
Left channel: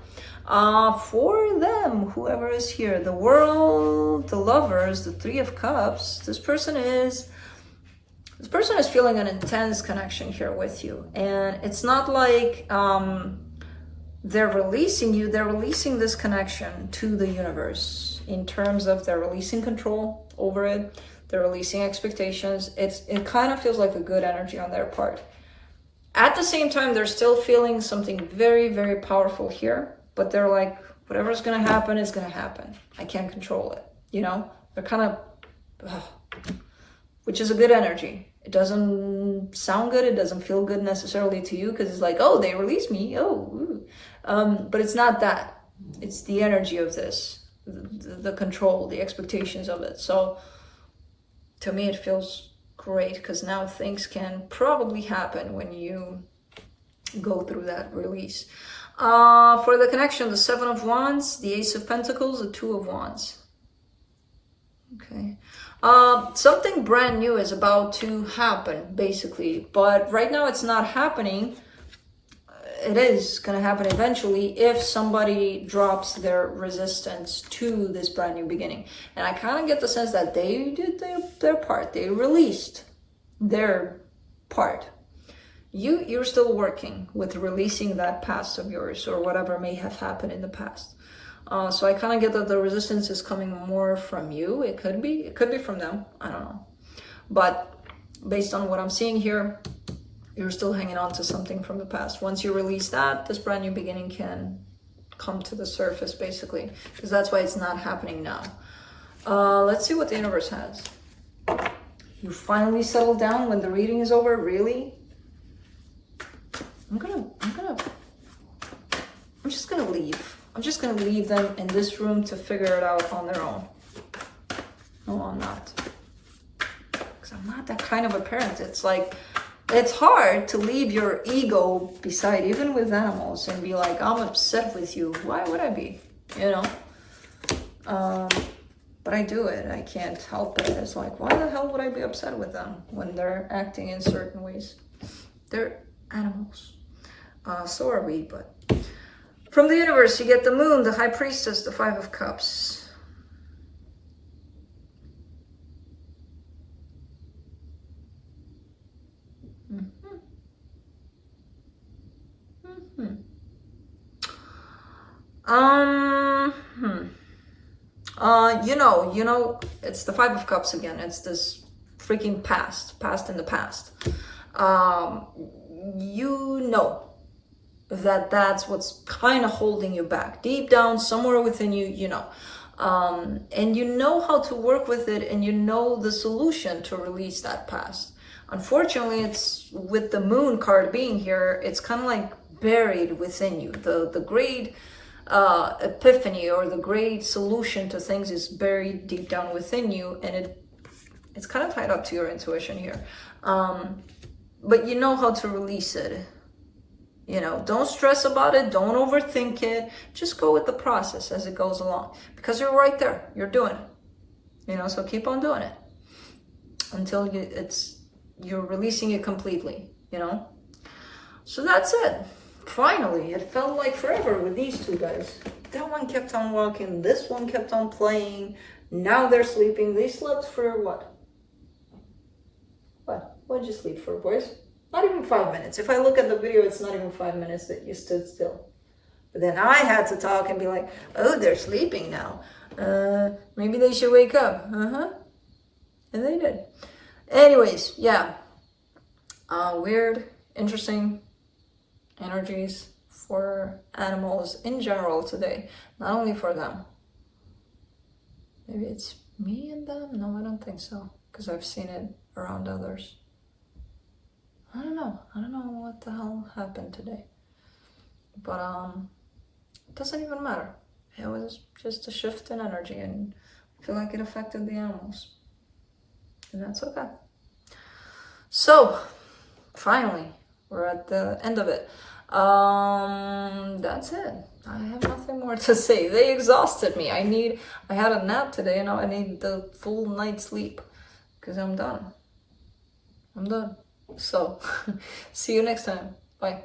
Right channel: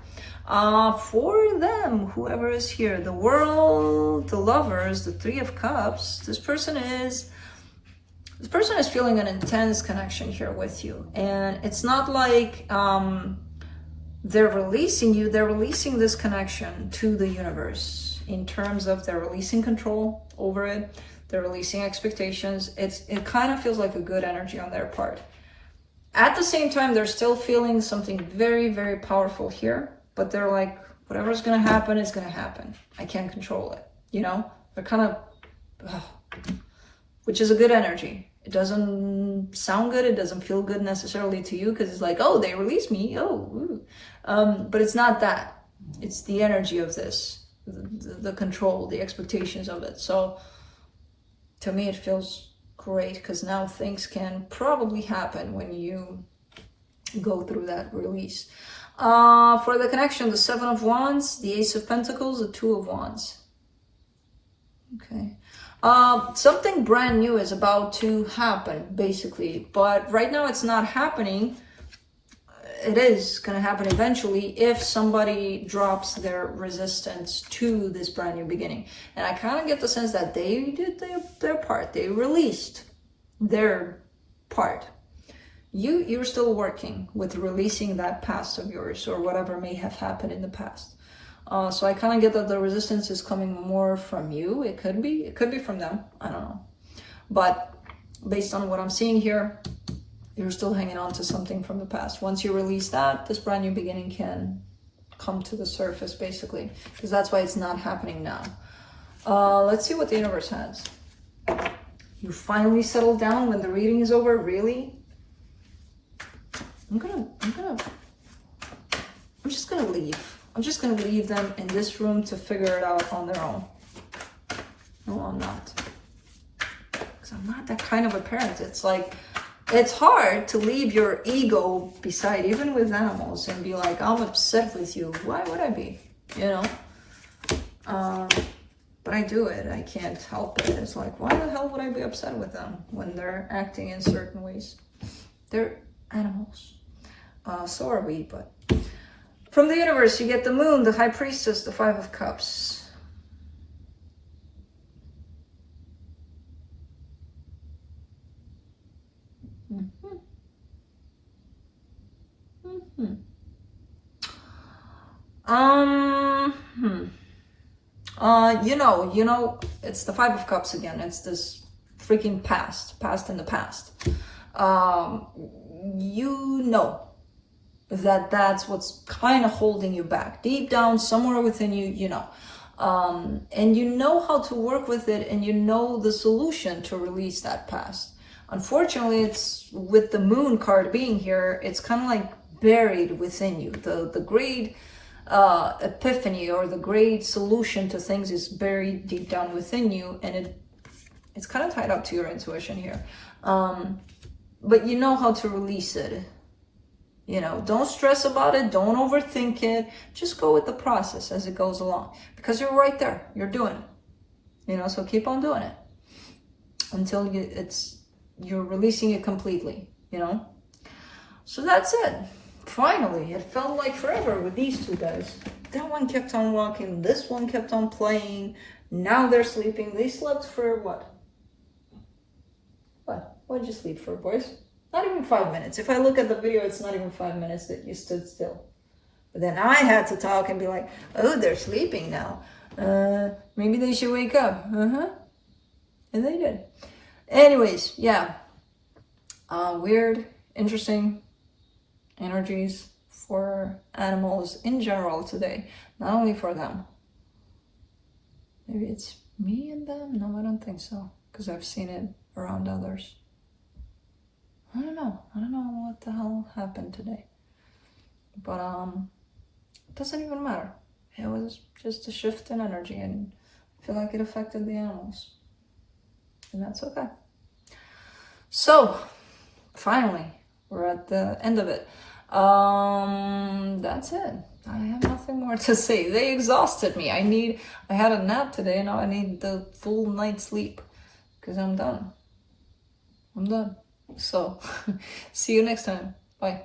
For them, whoever is here, the world, the lovers, the Three of Cups, this person is feeling an intense connection here with you. And it's not like they're releasing you, they're releasing this connection to the universe in terms of they're releasing control over it, they're releasing expectations. It kind of feels like a good energy on their part. At the same time, they're still feeling something very, very powerful here, but they're like, whatever's going to happen is going to happen. I can't control it. You know, they're kind of, which is a good energy. It doesn't sound good. It doesn't feel good necessarily to you because it's like, oh, they released me. Oh, but it's not that. It's the energy of this, the control, the expectations of it. So to me, it feels great because now things can probably happen when you go through that release. For the connection, the Seven of Wands, the Ace of Pentacles, the Two of Wands. Okay. Something brand new is about to happen, basically, but right now it's not happening. It is going to happen eventually if somebody drops their resistance to this brand new beginning. And I kind of get the sense that they did their part. They released their part. You're still working with releasing that past of yours or whatever may have happened in the past. So I kind of get that the resistance is coming more from you. It could be from them. I don't know. But based on what I'm seeing here, you're still hanging on to something from the past. Once you release that, this brand new beginning can come to the surface, basically, because that's why it's not happening now. Let's see what the universe has. You finally settle down when the reading is over, really? I'm just gonna leave. I'm just gonna leave them in this room to figure it out on their own. No, I'm not. Because I'm not that kind of a parent. It's like, it's hard to leave your ego beside, even with animals, and be like, I'm upset with you. Why would I be? You know? But I do it. I can't help it. It's like, why the hell would I be upset with them when they're acting in certain ways? They're animals. So are we, but... From the universe, you get the Moon, the High Priestess, the Five of Cups. You know, it's the Five of Cups again. It's this freaking past in the past. You know that's what's kind of holding you back. Deep down, somewhere within you, you know. And you know how to work with it, and you know the solution to release that past. Unfortunately, it's with the Moon card being here, it's kind of like buried within you. The great epiphany or the great solution to things is buried deep down within you, and it's kind of tied up to your intuition here. But you know how to release it. You know, don't stress about it. Don't overthink it. Just go with the process as it goes along, because you're right there. You're doing it. You know, so keep on doing it until you're releasing it completely, you know. So that's it. Finally, it felt like forever with these two guys. That one kept on walking. This one kept on playing. Now they're sleeping. They slept for what? What did you sleep for, boys? Not even 5 minutes. If I look at the video, it's not even 5 minutes that you stood still. But then I had to talk and be like, oh, they're sleeping now. Maybe they should wake up. And they did. Anyways, yeah. Weird, interesting energies for animals in general today. Not only for them. Maybe it's me and them? No, I don't think so. Because I've seen it around others. I don't know what the hell happened today. But it doesn't even matter. It was just a shift in energy, and I feel like it affected the animals. And that's okay. So, finally, we're at the end of it. That's it. I have nothing more to say. They exhausted me. I had a nap today, and now I need the full night's sleep. Because I'm done. So see you next time. Bye.